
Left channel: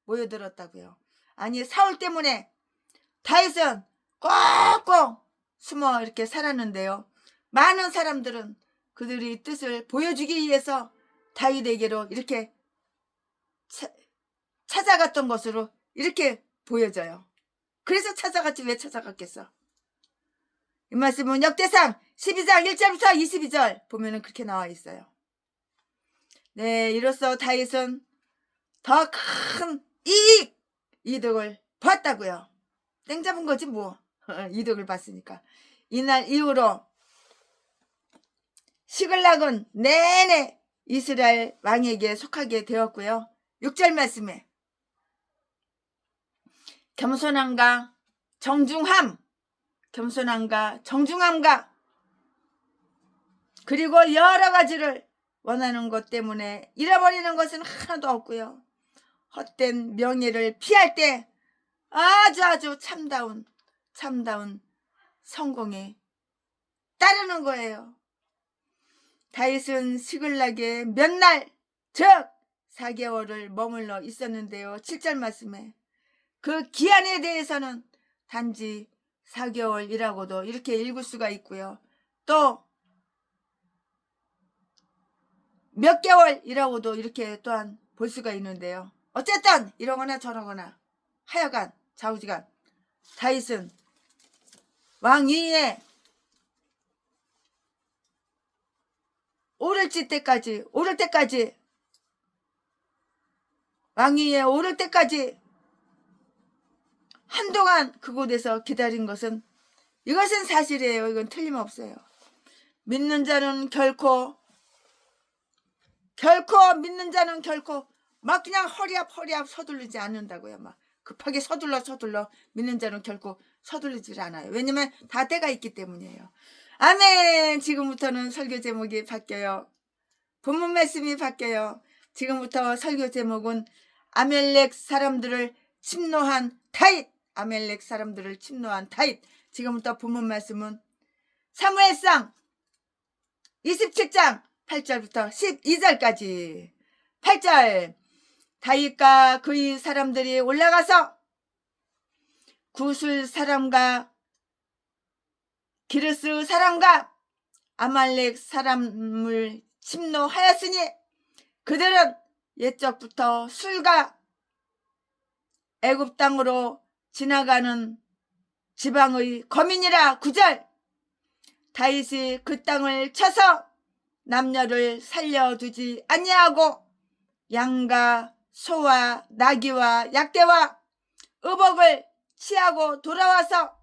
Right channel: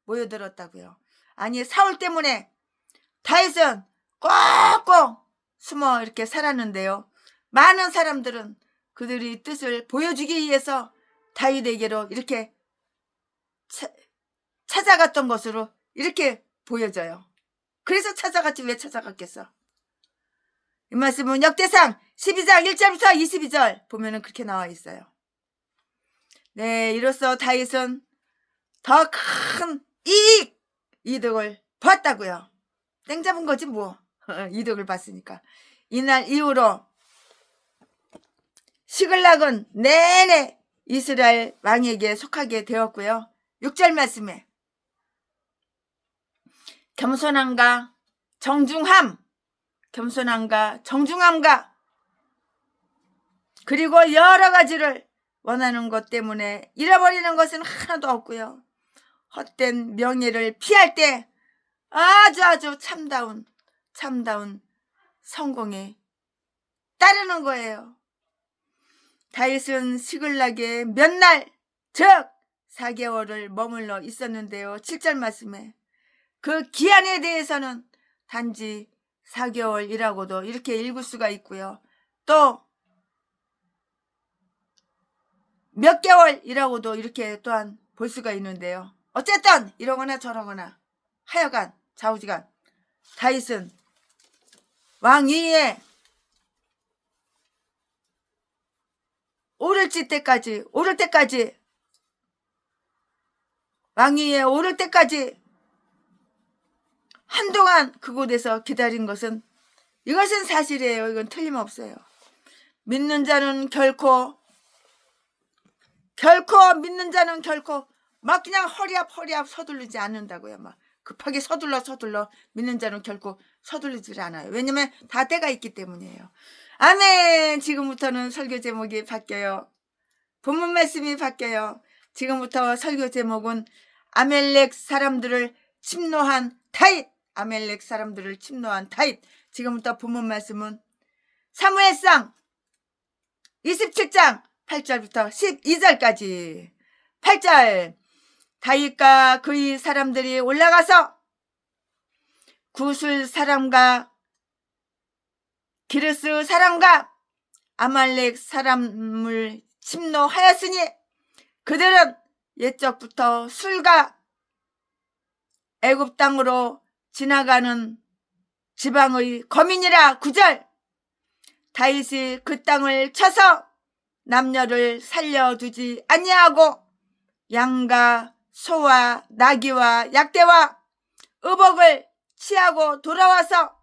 모여들었다고요. 아니, 사울 때문에 다윗은 꼭꼭 숨어 이렇게 살았는데요. 많은 사람들은 그들의 뜻을 보여주기 위해서 다윗에게로 이렇게 찾아갔던 것으로 이렇게 보여져요. 그래서 찾아갔지 왜 찾아갔겠어? 이 말씀은 역대상 12장 1절부터 22절 보면은 그렇게 나와 있어요. 네, 이로써 다윗은 더 큰 이득을 봤다고요. 땡 잡은 거지 뭐. 이득을 봤으니까. 이날 이후로 시글락은 내내 이스라엘 왕에게 속하게 되었고요. 6절 말씀에 겸손함과 정중함과 그리고 여러 가지를 원하는 것 때문에 잃어버리는 것은 하나도 없고요. 헛된 명예를 피할 때 아주 참다운 성공에 따르는 거예요. 다윗은 시글락에 몇 날, 즉 4개월을 머물러 있었는데요. 7절 말씀에 그 기한에 대해서는 단지 4개월이라고도 이렇게 읽을 수가 있고요. 또 몇 개월이라고도 이렇게 또한 볼 수가 있는데요. 어쨌든 이러거나 저러거나 하여간 좌우지간 다윗은 왕 위에 오를 때까지 왕 위에 오를 때까지 한동안 그곳에서 기다린 것은 이것은 사실이에요. 이건 틀림없어요. 믿는 자는 결코 막 그냥 허리앞 서두르지 않는다고요. 막 급하게 서둘러 믿는 자는 결코 서두르지 않아요. 왜냐면 다 때가 있기 때문이에요. 아멘. 지금부터는 설교 제목이 바뀌어요. 본문 말씀이 바뀌어요. 지금부터 설교 제목은 아멜렉 사람들을 침노한 다윗. 아멜렉 사람들을 침노한 다윗. 지금부터 본문 말씀은 사무엘상 27장 8절부터 12절까지. 8절. 다윗과 그의 사람들이 올라가서 구술 사람과 기르스 사람과 아말렉 사람을 침노하였으니 그들은 옛적부터 술과 애굽 땅으로 지나가는 지방의 거민이라. 9절. 다윗이 그 땅을 쳐서 남녀를 살려두지 아니하고 양과 소와 나귀와 약대와 의복을 취하고 돌아와서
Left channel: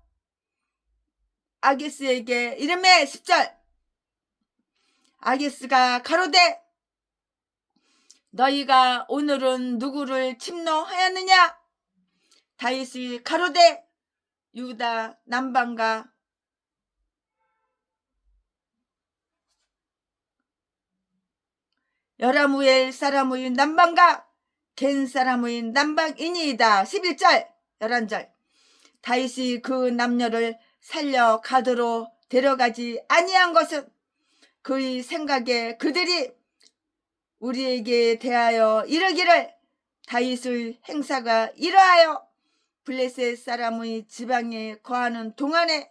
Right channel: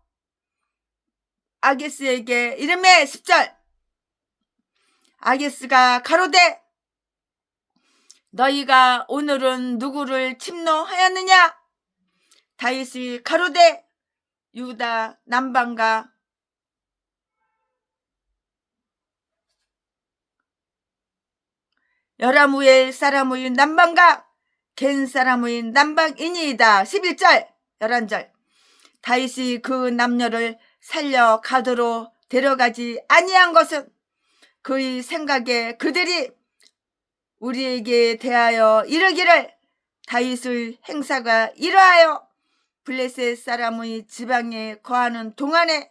아기스에게 이르매. 10절. 아기스가 가로되 너희가 오늘은 누구를 침노하였느냐? 다윗이 가로되 유다 남방과 여라무엘 사람의 남방과 겐 사람의 남방이니이다. 11절 11절. 다윗이 그 남녀를 살려 가도로 데려가지 아니한 것은 그의 생각에 그들이 우리에게 대하여 이르기를 다윗의 행사가 이러하여 블레셋 사람의 지방에 거하는 동안에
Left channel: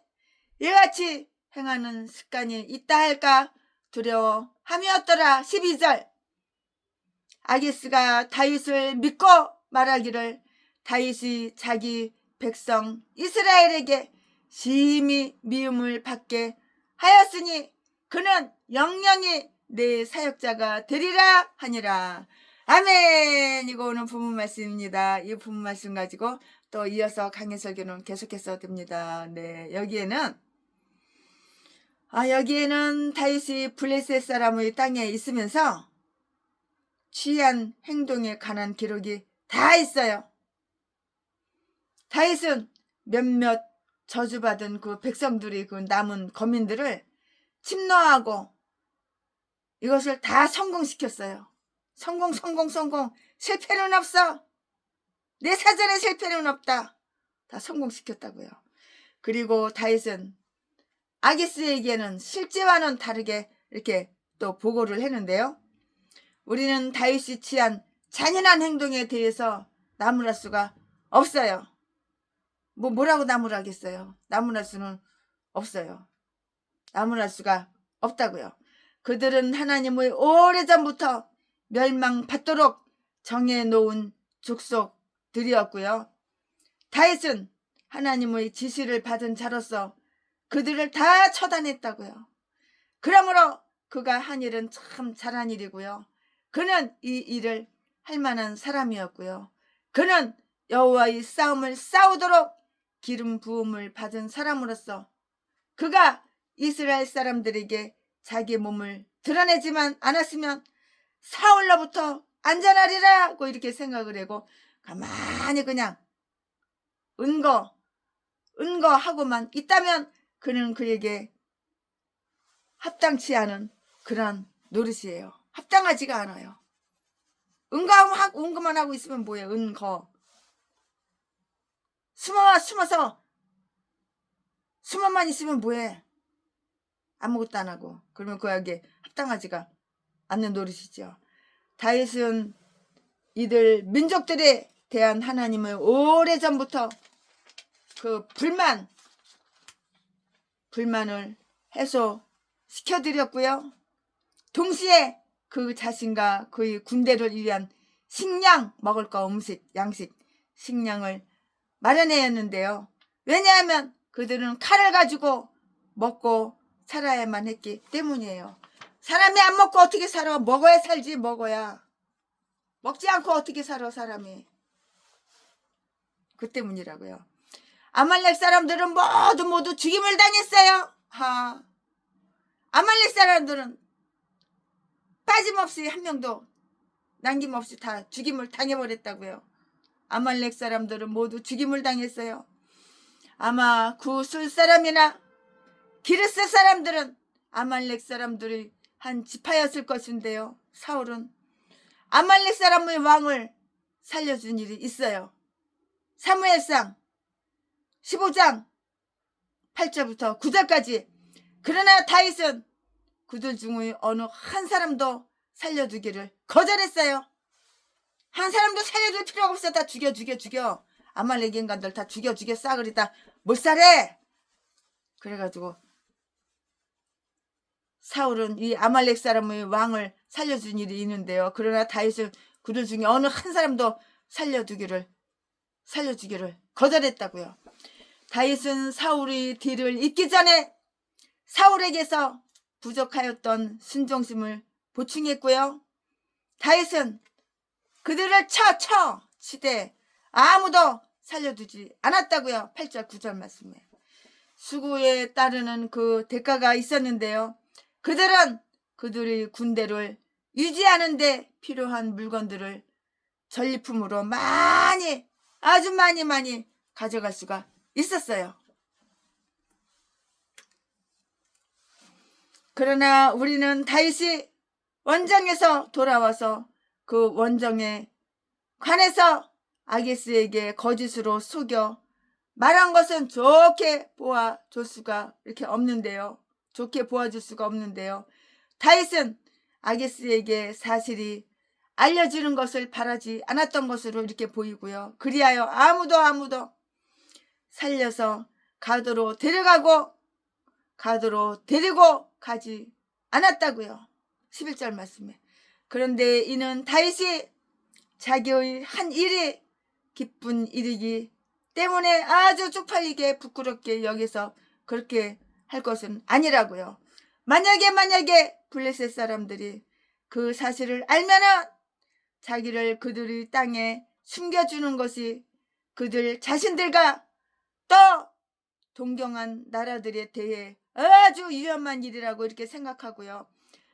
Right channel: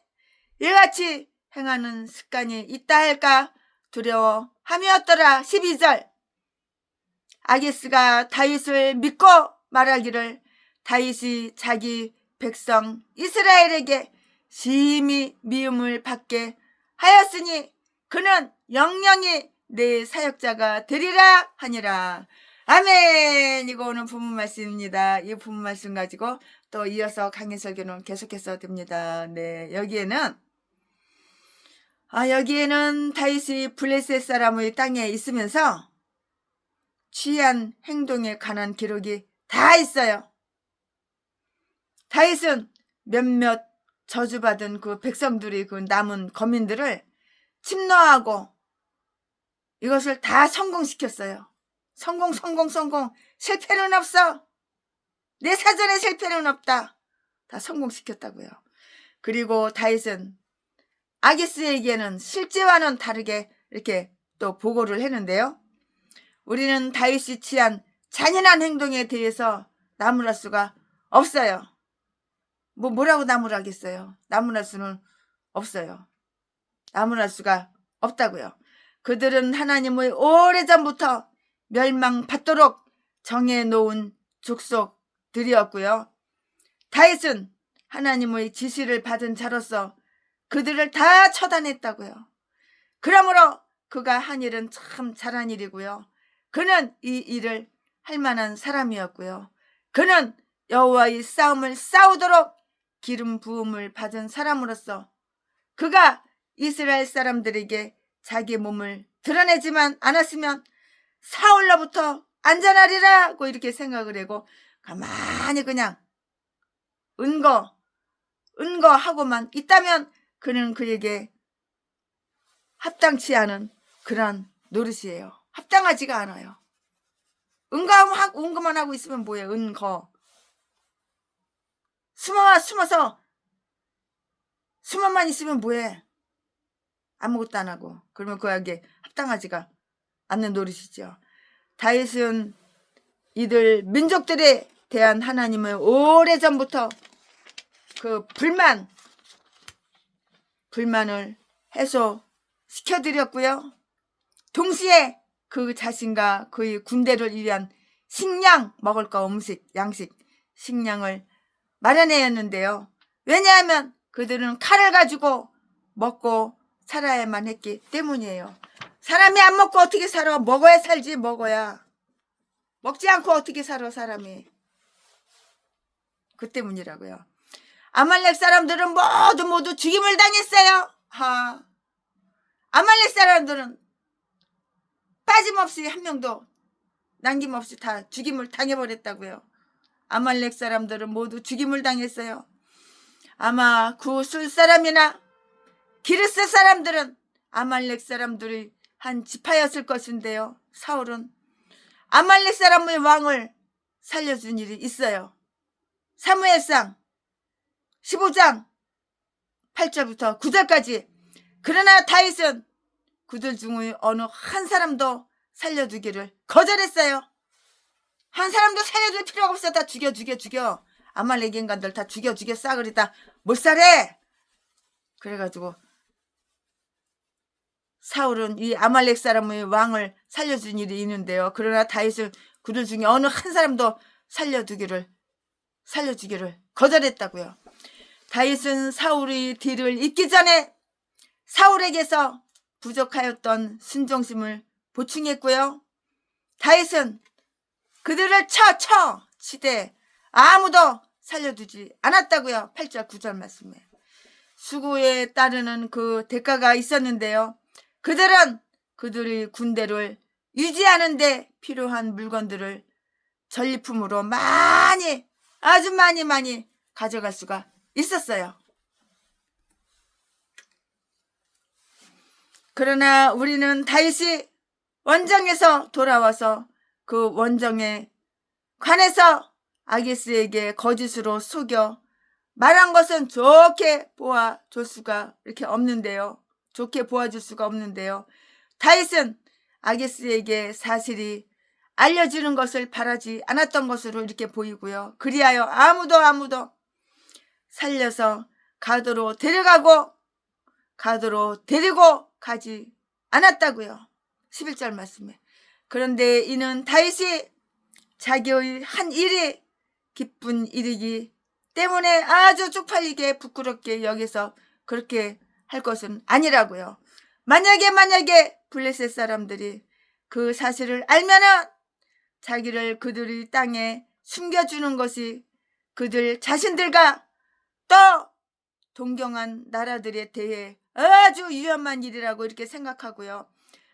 이같이 행하는 습관이 있다 할까 두려워함이었더라. 12절. 아기스가 다윗을 믿고 말하기를 다윗이 자기 백성 이스라엘에게 심히 미움을 받게 하였으니 그는 영영이 내 사역자가 되리라 하니라. 아멘. 이거 오늘 본문 말씀입니다. 이 본문 말씀 가지고 또 이어서 강해 설교는 계속해서 됩니다. 네, 여기에는 다윗이 블레셋 사람의 땅에 있으면서 취한 행동에 관한 기록이 다 있어요. 다윗은 몇몇 저주받은 그 백성들이 그 남은 거민들을 침노하고 이것을 다 성공시켰어요. 성공. 실패는 없어. 내 사전에 실패는 없다. 다 성공시켰다고요. 그리고 다윗은 아기스에게는 실제와는 다르게 이렇게 또 보고를 했는데요. 우리는 다윗이 취한 잔인한 행동에 대해서 나무랄 수가 없어요. 뭐라고 나무라겠어요? 나무랄 수는 없어요. 나무랄 수가 없다고요. 그들은 하나님의 오래전부터 멸망받도록 정해놓은 족속들이었고요. 다윗은 하나님의 지시를 받은 자로서 그들을 다 처단했다고요. 그러므로 그가 한 일은 참 잘한 일이고요. 그는 이 일을 할 만한 사람이었고요. 그는 여호와의 싸움을 싸우도록 기름 부음을 받은 사람으로서 그가 이스라엘 사람들에게 자기 몸을 드러내지만 않았으면 사울로부터 안전하리라고 이렇게 생각을 하고 가만히 그냥 은거하고만 있다면 그는 그에게 합당치 않은 그런 노릇이에요. 합당하지가 않아요. 은거만 하고 있으면 뭐예요? 은거. 숨어만 있으면 뭐해? 아무것도 안 하고. 그러면 그에게 합당하지가 않는 노릇이죠. 다윗은 이들 민족들에 대한 하나님의 오래전부터 그 불만을 해소시켜드렸고요. 동시에 그 자신과 그의 군대를 위한 식량, 먹을 거 양식, 식량을 마련했는데요. 왜냐하면 그들은 칼을 가지고 먹고 살아야만 했기 때문이에요. 사람이 안 먹고 어떻게 살아? 먹어야 살지. 먹어야. 먹지 않고 어떻게 살아 사람이. 그 때문이라고요. 아말렉 사람들은 모두 죽임을 당했어요. 아말렉 사람들은 빠짐없이 한 명도 남김없이 다 죽임을 당해버렸다고요. 아말렉 사람들은 모두 죽임을 당했어요. 아마 구술 사람이나 기르스 사람들은 아말렉 사람들의 한 지파였을 것인데요. 사울은 아말렉 사람의 왕을 살려준 일이 있어요. 사무엘상 15장 8절부터 9절까지. 그러나 다윗은 그들 중의 어느 한 사람도 살려두기를 거절했어요. 한 사람도 살려줄 필요가 없어. 다 죽여. 아말렉 인간들 다 죽여 싸그리 다 못살해. 그래가지고 사울은 이 아말렉 사람의 왕을 살려준 일이 있는데요. 그러나 다윗은 그들 중에 어느 한 사람도 살려주기를 거절했다고요. 다윗은 사울의 뒤를 잇기 전에 사울에게서 부족하였던 순종심을 보충했고요. 다윗은 그들을 치되 아무도 살려두지 않았다고요. 8절 9절 말씀에 수고에 따르는 그 대가가 있었는데요. 그들은 그들의 군대를 유지하는 데 필요한 물건들을 전리품으로 아주 많이 가져갈 수가 있었어요. 그러나 우리는 다윗이 원정에서 돌아와서 그 원정에 관해서 아기스에게 거짓으로 속여 말한 것은 좋게 보아줄 수가 없는데요. 다윗은 아기스에게 사실이 알려지는 것을 바라지 않았던 것으로 이렇게 보이고요. 그리하여 아무도 살려서 가도로 데리고 가지 않았다고요. 11절 말씀에. 그런데 이는 다윗이 자기의 한 일이 기쁜 일이기 때문에 아주 쪽팔리게 부끄럽게 여기서 그렇게 할 것은 아니라고요. 만약에 블레셋 사람들이 그 사실을 알면은 자기를 그들의 땅에 숨겨주는 것이 그들 자신들과 또 동경한 나라들에 대해 아주 위험한 일이라고 이렇게 생각하고요.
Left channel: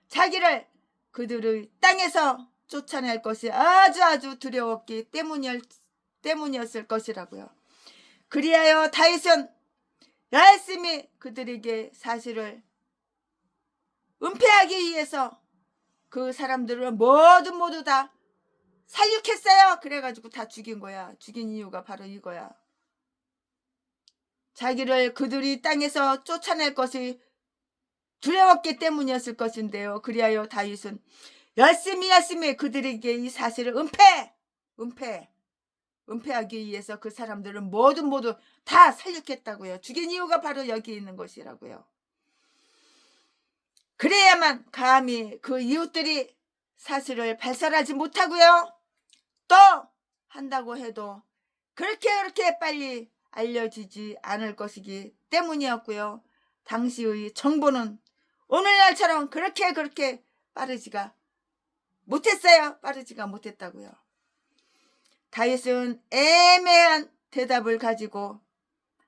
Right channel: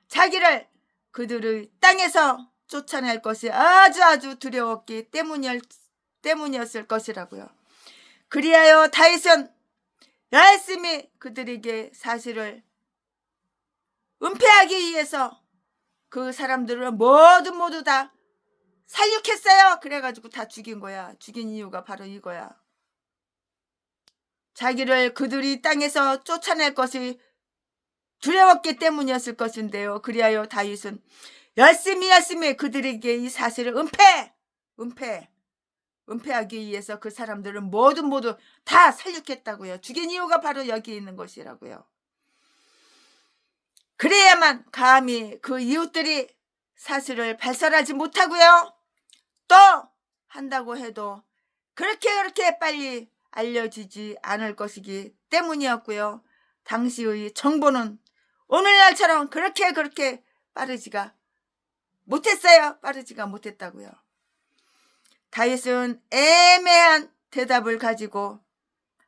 자기를 그들의 땅에서 쫓아낼 것이 아주 두려웠기 때문이었을 것이라고요. 그리하여 다윗은 열심히 그들에게 사실을 은폐하기 위해서 그 사람들을 모두 다 살육했어요. 그래가지고 다 죽인 거야. 죽인 이유가 바로 이거야. 자기를 그들이 땅에서 쫓아낼 것이 두려웠기 때문이었을 것인데요. 그리하여 다윗은 열심히 그들에게 이 사실을 은폐하기 위해서 그 사람들을 모두 다 살육했다고요. 죽인 이유가 바로 여기 있는 것이라고요. 그래야만 감히 그 이웃들이 사실을 발설하지 못하고요. 또 한다고 해도 그렇게 빨리 알려지지 않을 것이기 때문이었고요. 당시의 정보는 오늘날처럼 그렇게 빠르지가 못했다고요. 다윗은 애매한 대답을 가지고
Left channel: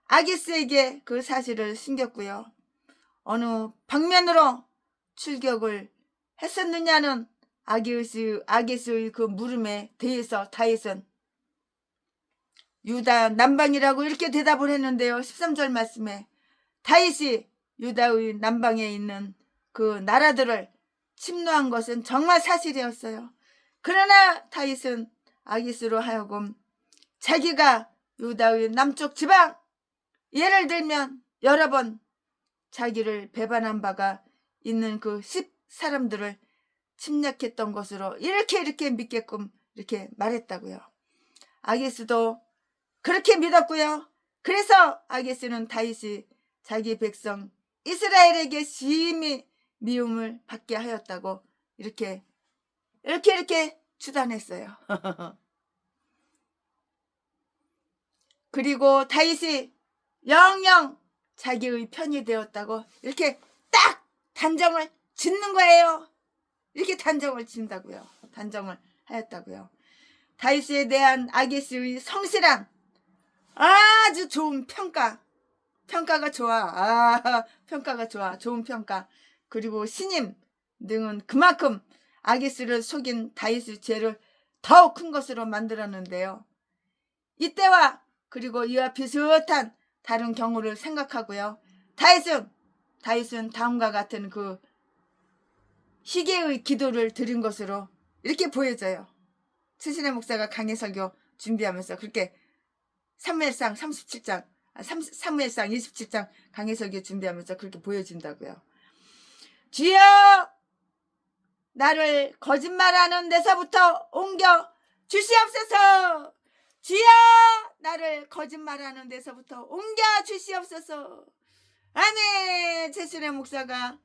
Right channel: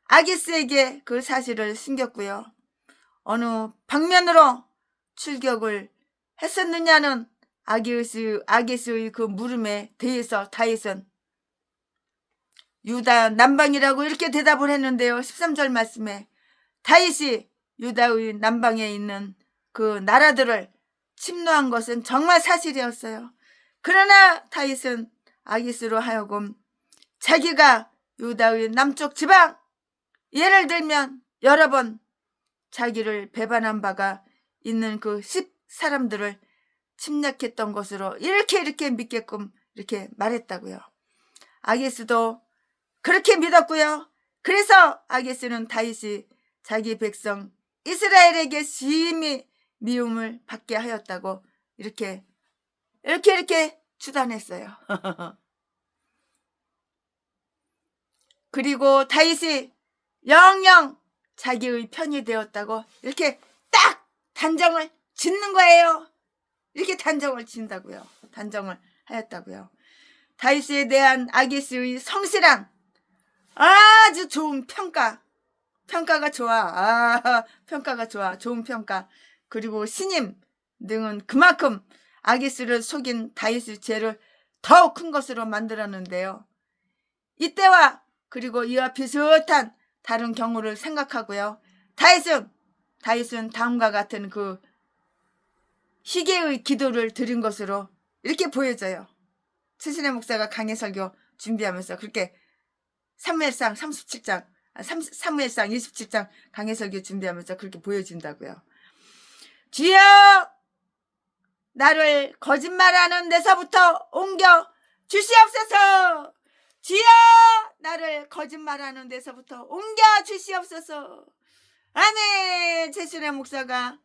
아기스에게 그 사실을 숨겼고요. 어느 방면으로 출격을 했었느냐는 아기스의 그 물음에 대해서 다윗은 유다 남방이라고 이렇게 대답을 했는데요. 13절 말씀에 다윗이 유다의 남방에 있는 그 나라들을 침노한 것은 정말 사실이었어요. 그러나 다윗은 아기스로 하여금 자기가 유다의 남쪽 지방, 예를 들면 여러 번 자기를 배반한 바가 있는 그 10사람들을 침략했던 것으로 이렇게 믿게끔 이렇게 말했다고요. 아기스도 그렇게 믿었고요. 그래서 아기스는 다윗이 자기 백성 이스라엘에게 심히 미움을 받게 하였다고 이렇게 추단했어요. 그리고 다윗이 영영 자기의 편이 되었다고 이렇게 딱 단정을 짓는 거예요. 이렇게 단정을 짓는다고요. 단정을 하였다고요. 다윗에 대한 아기스의 성실한 아주 좋은 평가가 좋아. 좋은 평가. 그리고 신임 등은 그만큼 아기스를 속인 다윗의 죄를 더욱 큰 것으로 만들었는데요. 이때와 그리고 이와 비슷한 다른 경우를 생각하고요. 다윗은 다음과 같은 그 희게의 기도를 드린 것으로 이렇게 보여져요. 최신의 목사가 강해 설교 준비하면서 그렇게 사무엘상 37장, 사무엘상 27장 강해 설교 준비하면서 그렇게 보여진다고요. 주여, 나를 거짓말하는 데서부터 옮겨 주시옵소서. 주여, 나를 거짓말하는 데서부터 옮겨 주시옵소서. 아멘. 최신의 목사가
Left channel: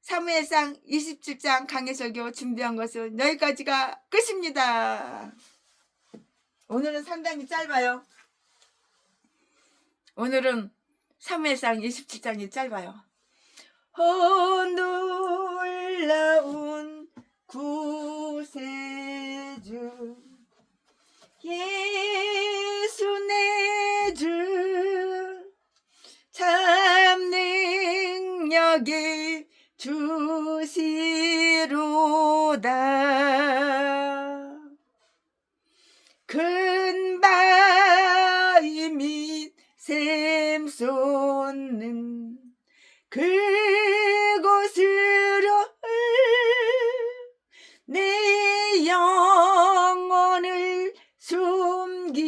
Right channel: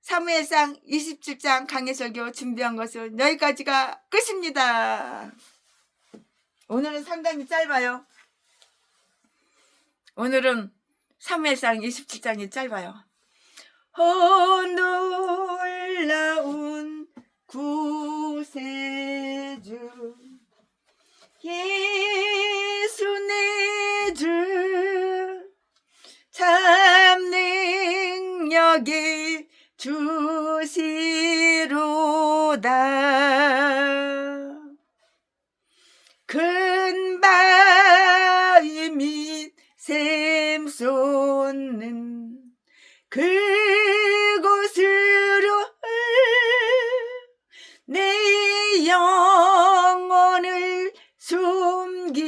사무엘상 27장 강해 설교 준비한 것은 여기까지가 끝입니다. 오늘은 상당히 짧아요. 오늘은 사무엘상 27장이 짧아요. 놀라운 구세주 예수 내 주 참 능력이 주시로다. 큰 바위 및 샘 솟는 그곳으로 내 영혼을 숨기시네.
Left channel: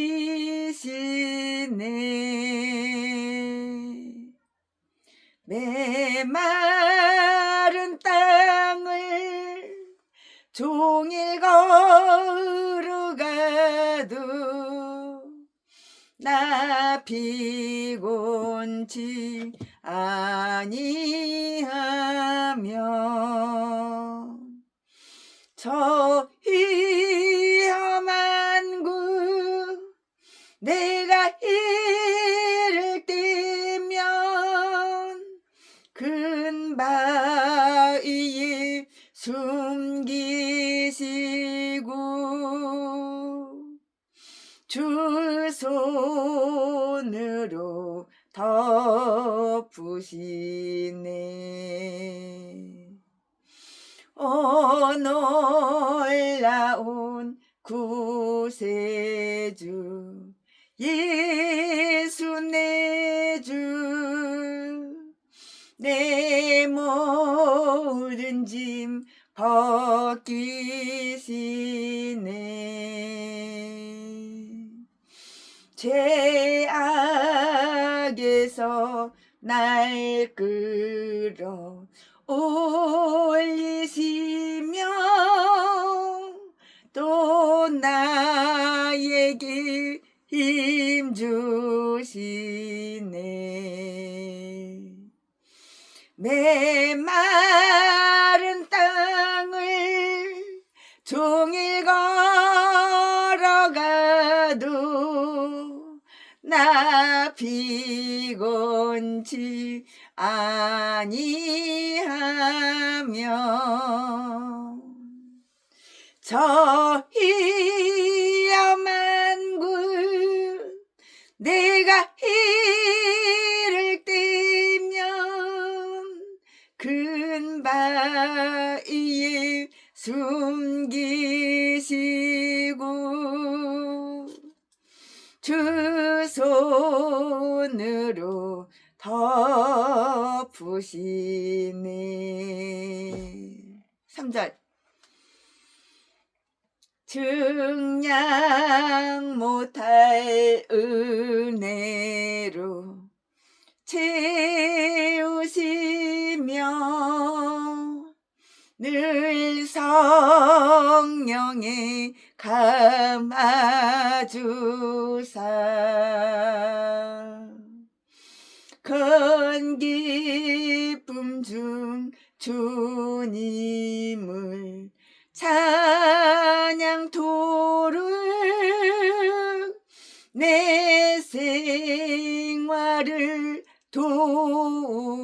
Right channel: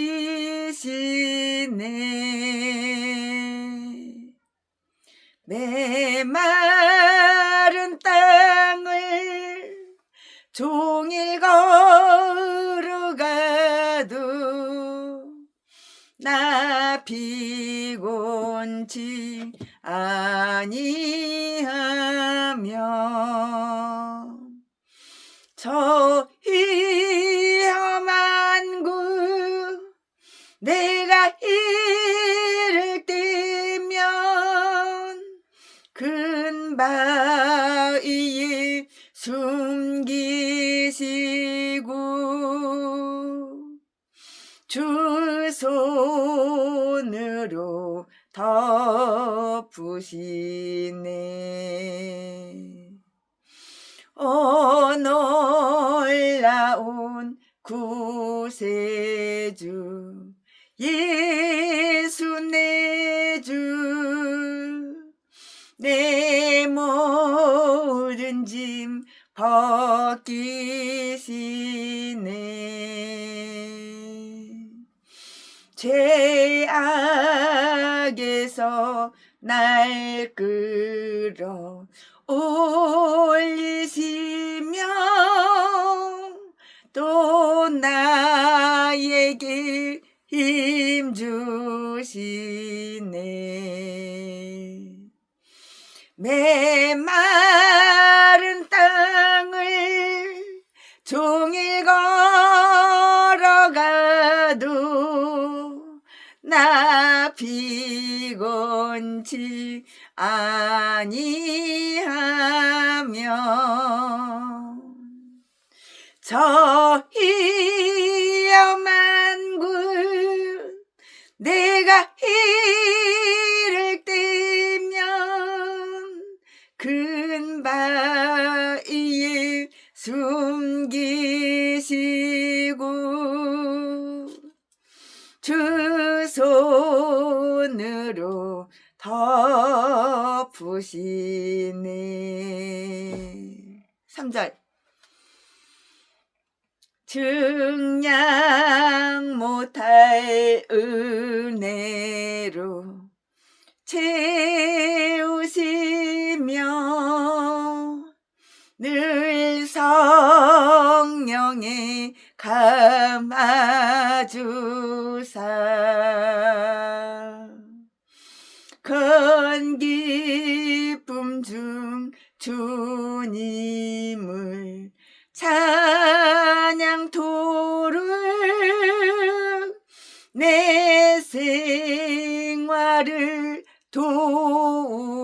메마른 땅을 종일 걸어가도 나 피곤치 아니하며 저 위험한 곳 내가 이를 때면 큰 바위에 숨기시고 주 손으로 덮으시네. 놀라운 구세주 예수 내 주 내 모든 짐 벗기시네. 죄악에서 날 끌어 올리시며 또 나에게 힘 주시네. 메마른 땅을 종일 걸어가도 나 피곤치 아니하며 저 위험한 곳 내가 이를 때면 큰 바위에 숨기시고 주 손으로 덮으시네. 3절 증량 못할 은혜로 채우시며 늘 성령에 감아주사 큰 기쁨 중 주님을 찬양토록 내 생활을 도우시네.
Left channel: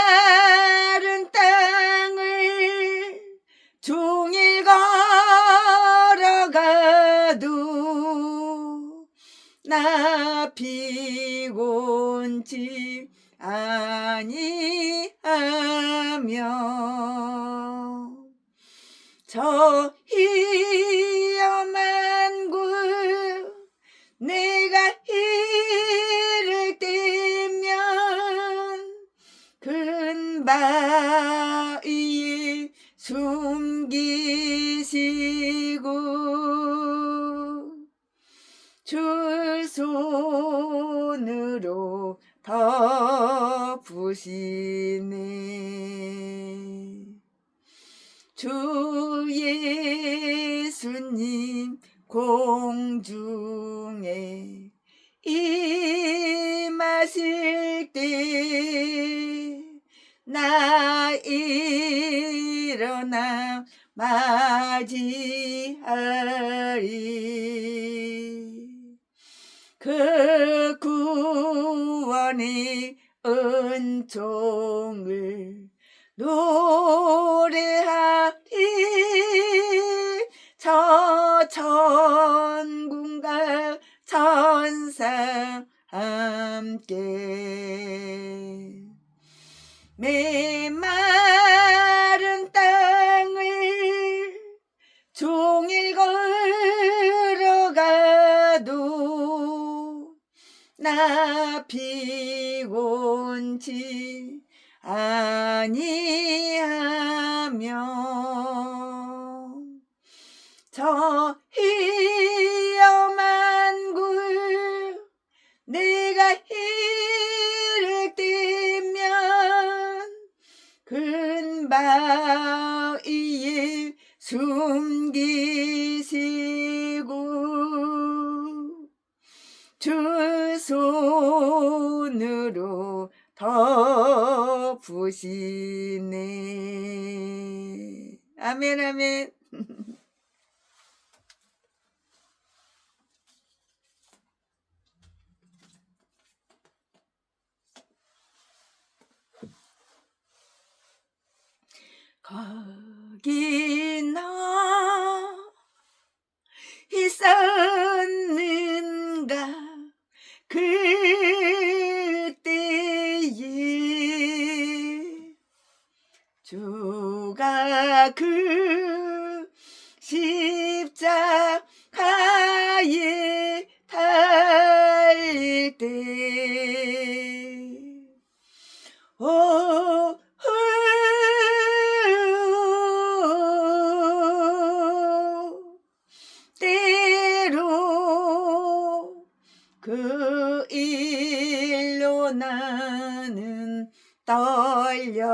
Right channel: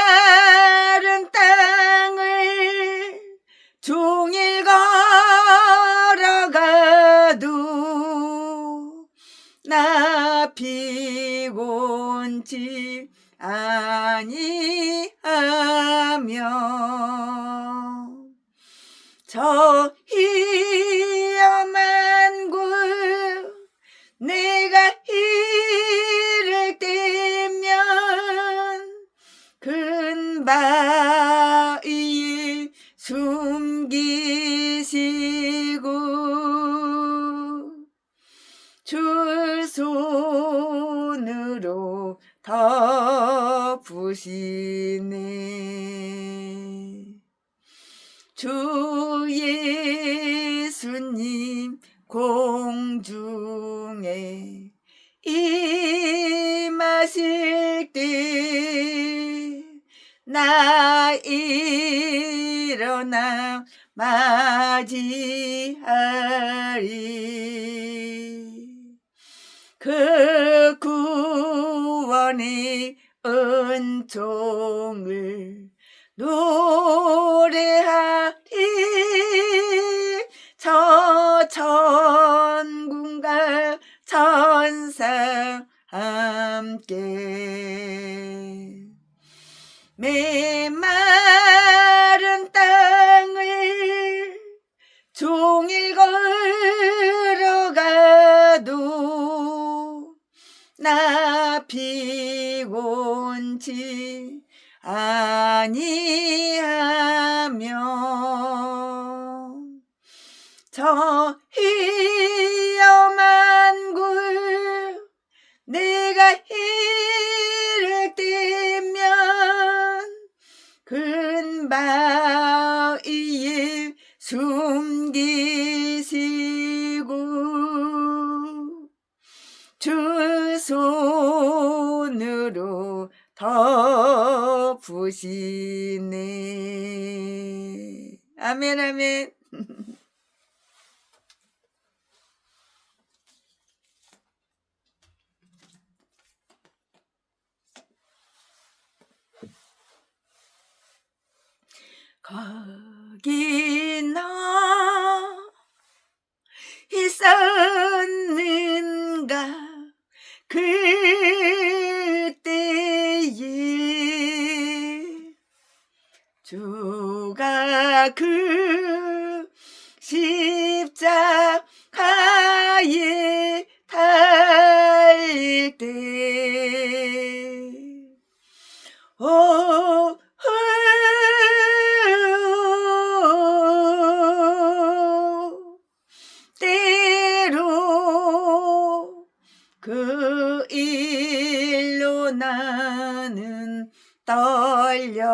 메마른 땅을 종일 걸어가도 나 피곤치 아니하며 저 위험한 곳 내가 이를 때면 바위에 숨기시고 줄 손으로 덮으시네. 주 예수님 공중에 임하실 때 나 일어나 맞이하리. 그 구원의 은총을 노래하리. 저 천군과 천사 함께 메마른 땅을 종일 걸어가도 나 피곤치 아니하며 저 위험한 굴 내가 이를 때면 근바위에 숨기시고 주 손으로 덮으시네. 아멘 아멘. 거기 너 있었는가 그때에 주가 그 십자가에 달릴 때 때로 그 일로 나는 떨려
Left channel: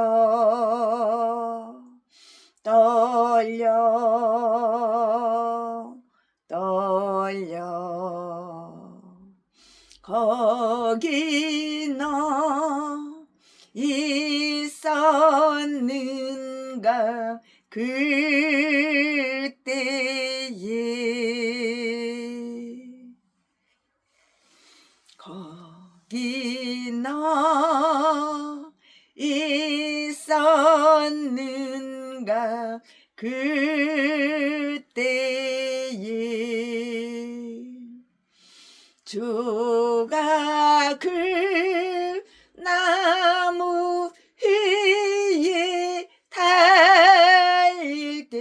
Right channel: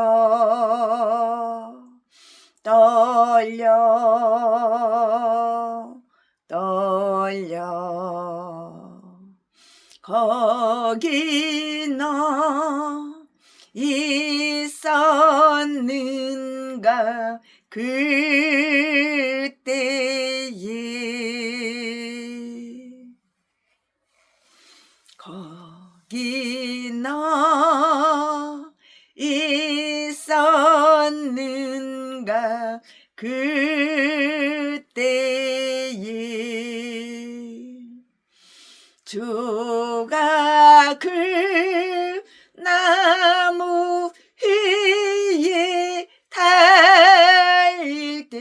거기 너 있었는가 그때에 거기 너 있었는가 그때에 주가 그 나무 위에 달릴 때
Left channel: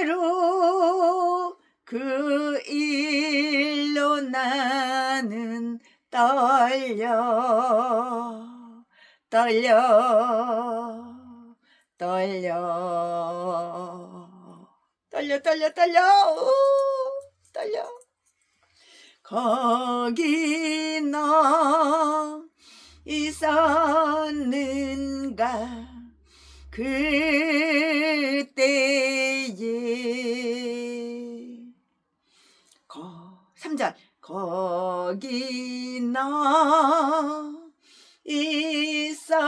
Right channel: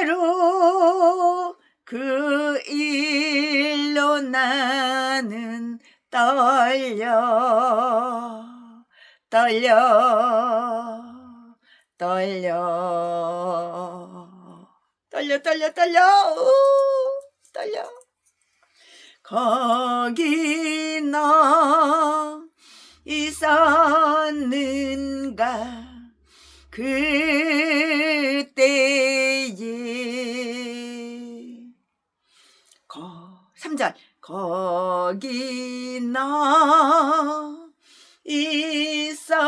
때로 그 일로 나는 떨려 떨려. 거기 너 있었는가 그때에 3절 거기 너 있었는가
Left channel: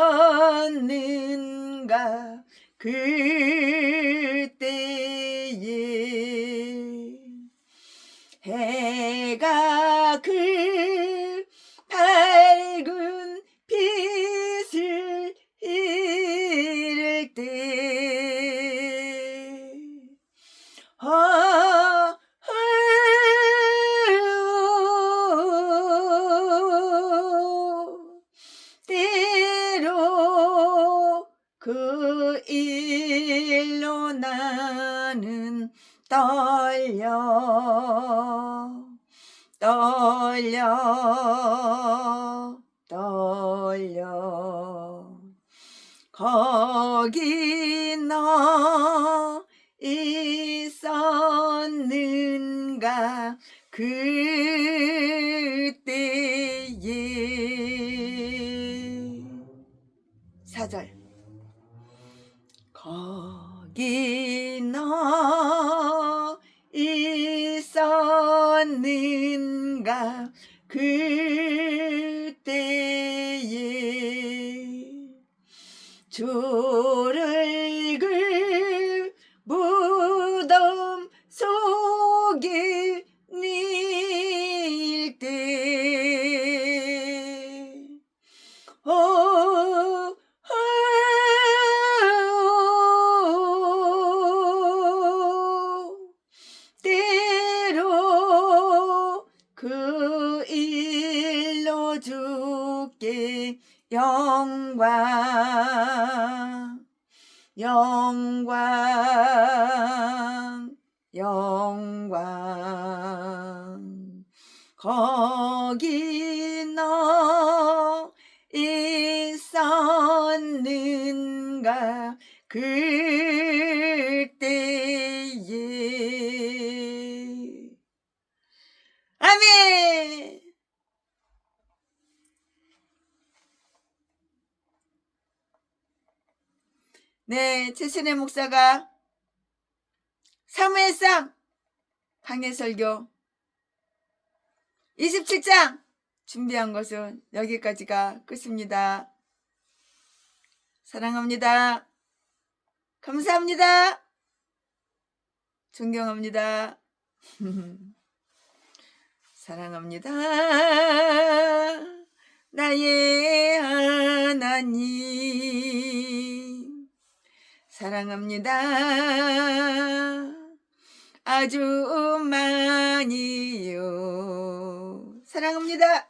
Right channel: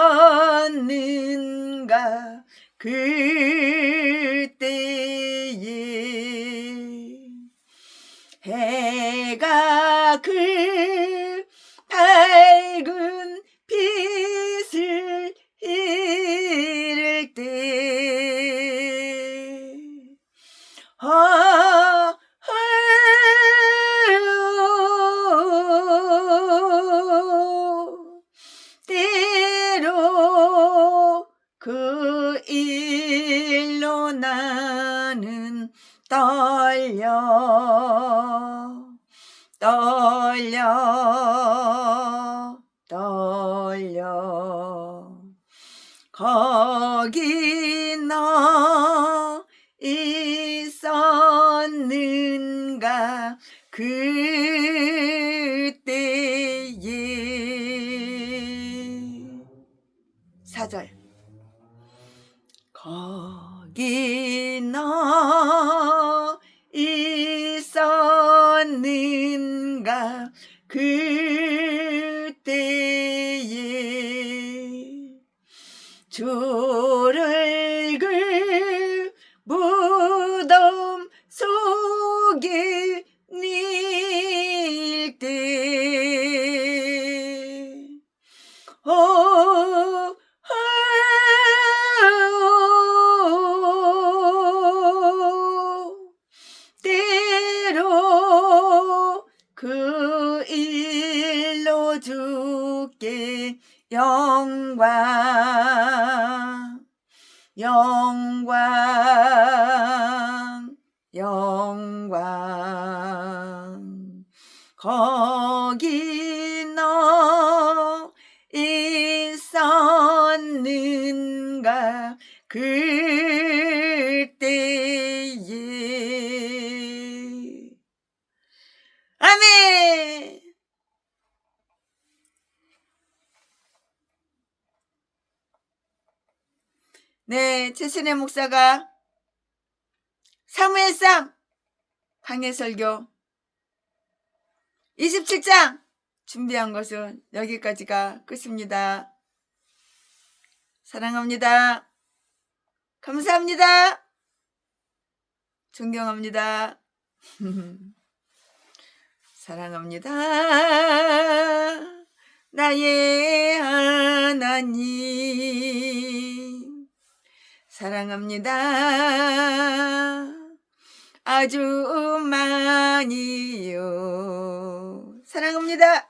그때에 해가 그 밝은 빛을 잃을 때 때로 그 일로 나 나는 떨려 떨려 떨려 거기 너 있었는가 그때에 4절 거기 너 있었는가 그때에 주를 그 무덤 속에 닐 때 때로 그 일로 주께 영광 영광 영광 거기 너 있었는가 그때에 아멘. 네, 최신의 목사가 사무엘상 강해설교 27장 준비한 것은 여기까지가 끝입니다. 사랑합니다. 감사합니다. 존경합니다. 사랑합니다. 나의 하나님 사랑합니다. 아주 많이요. 사랑합니다.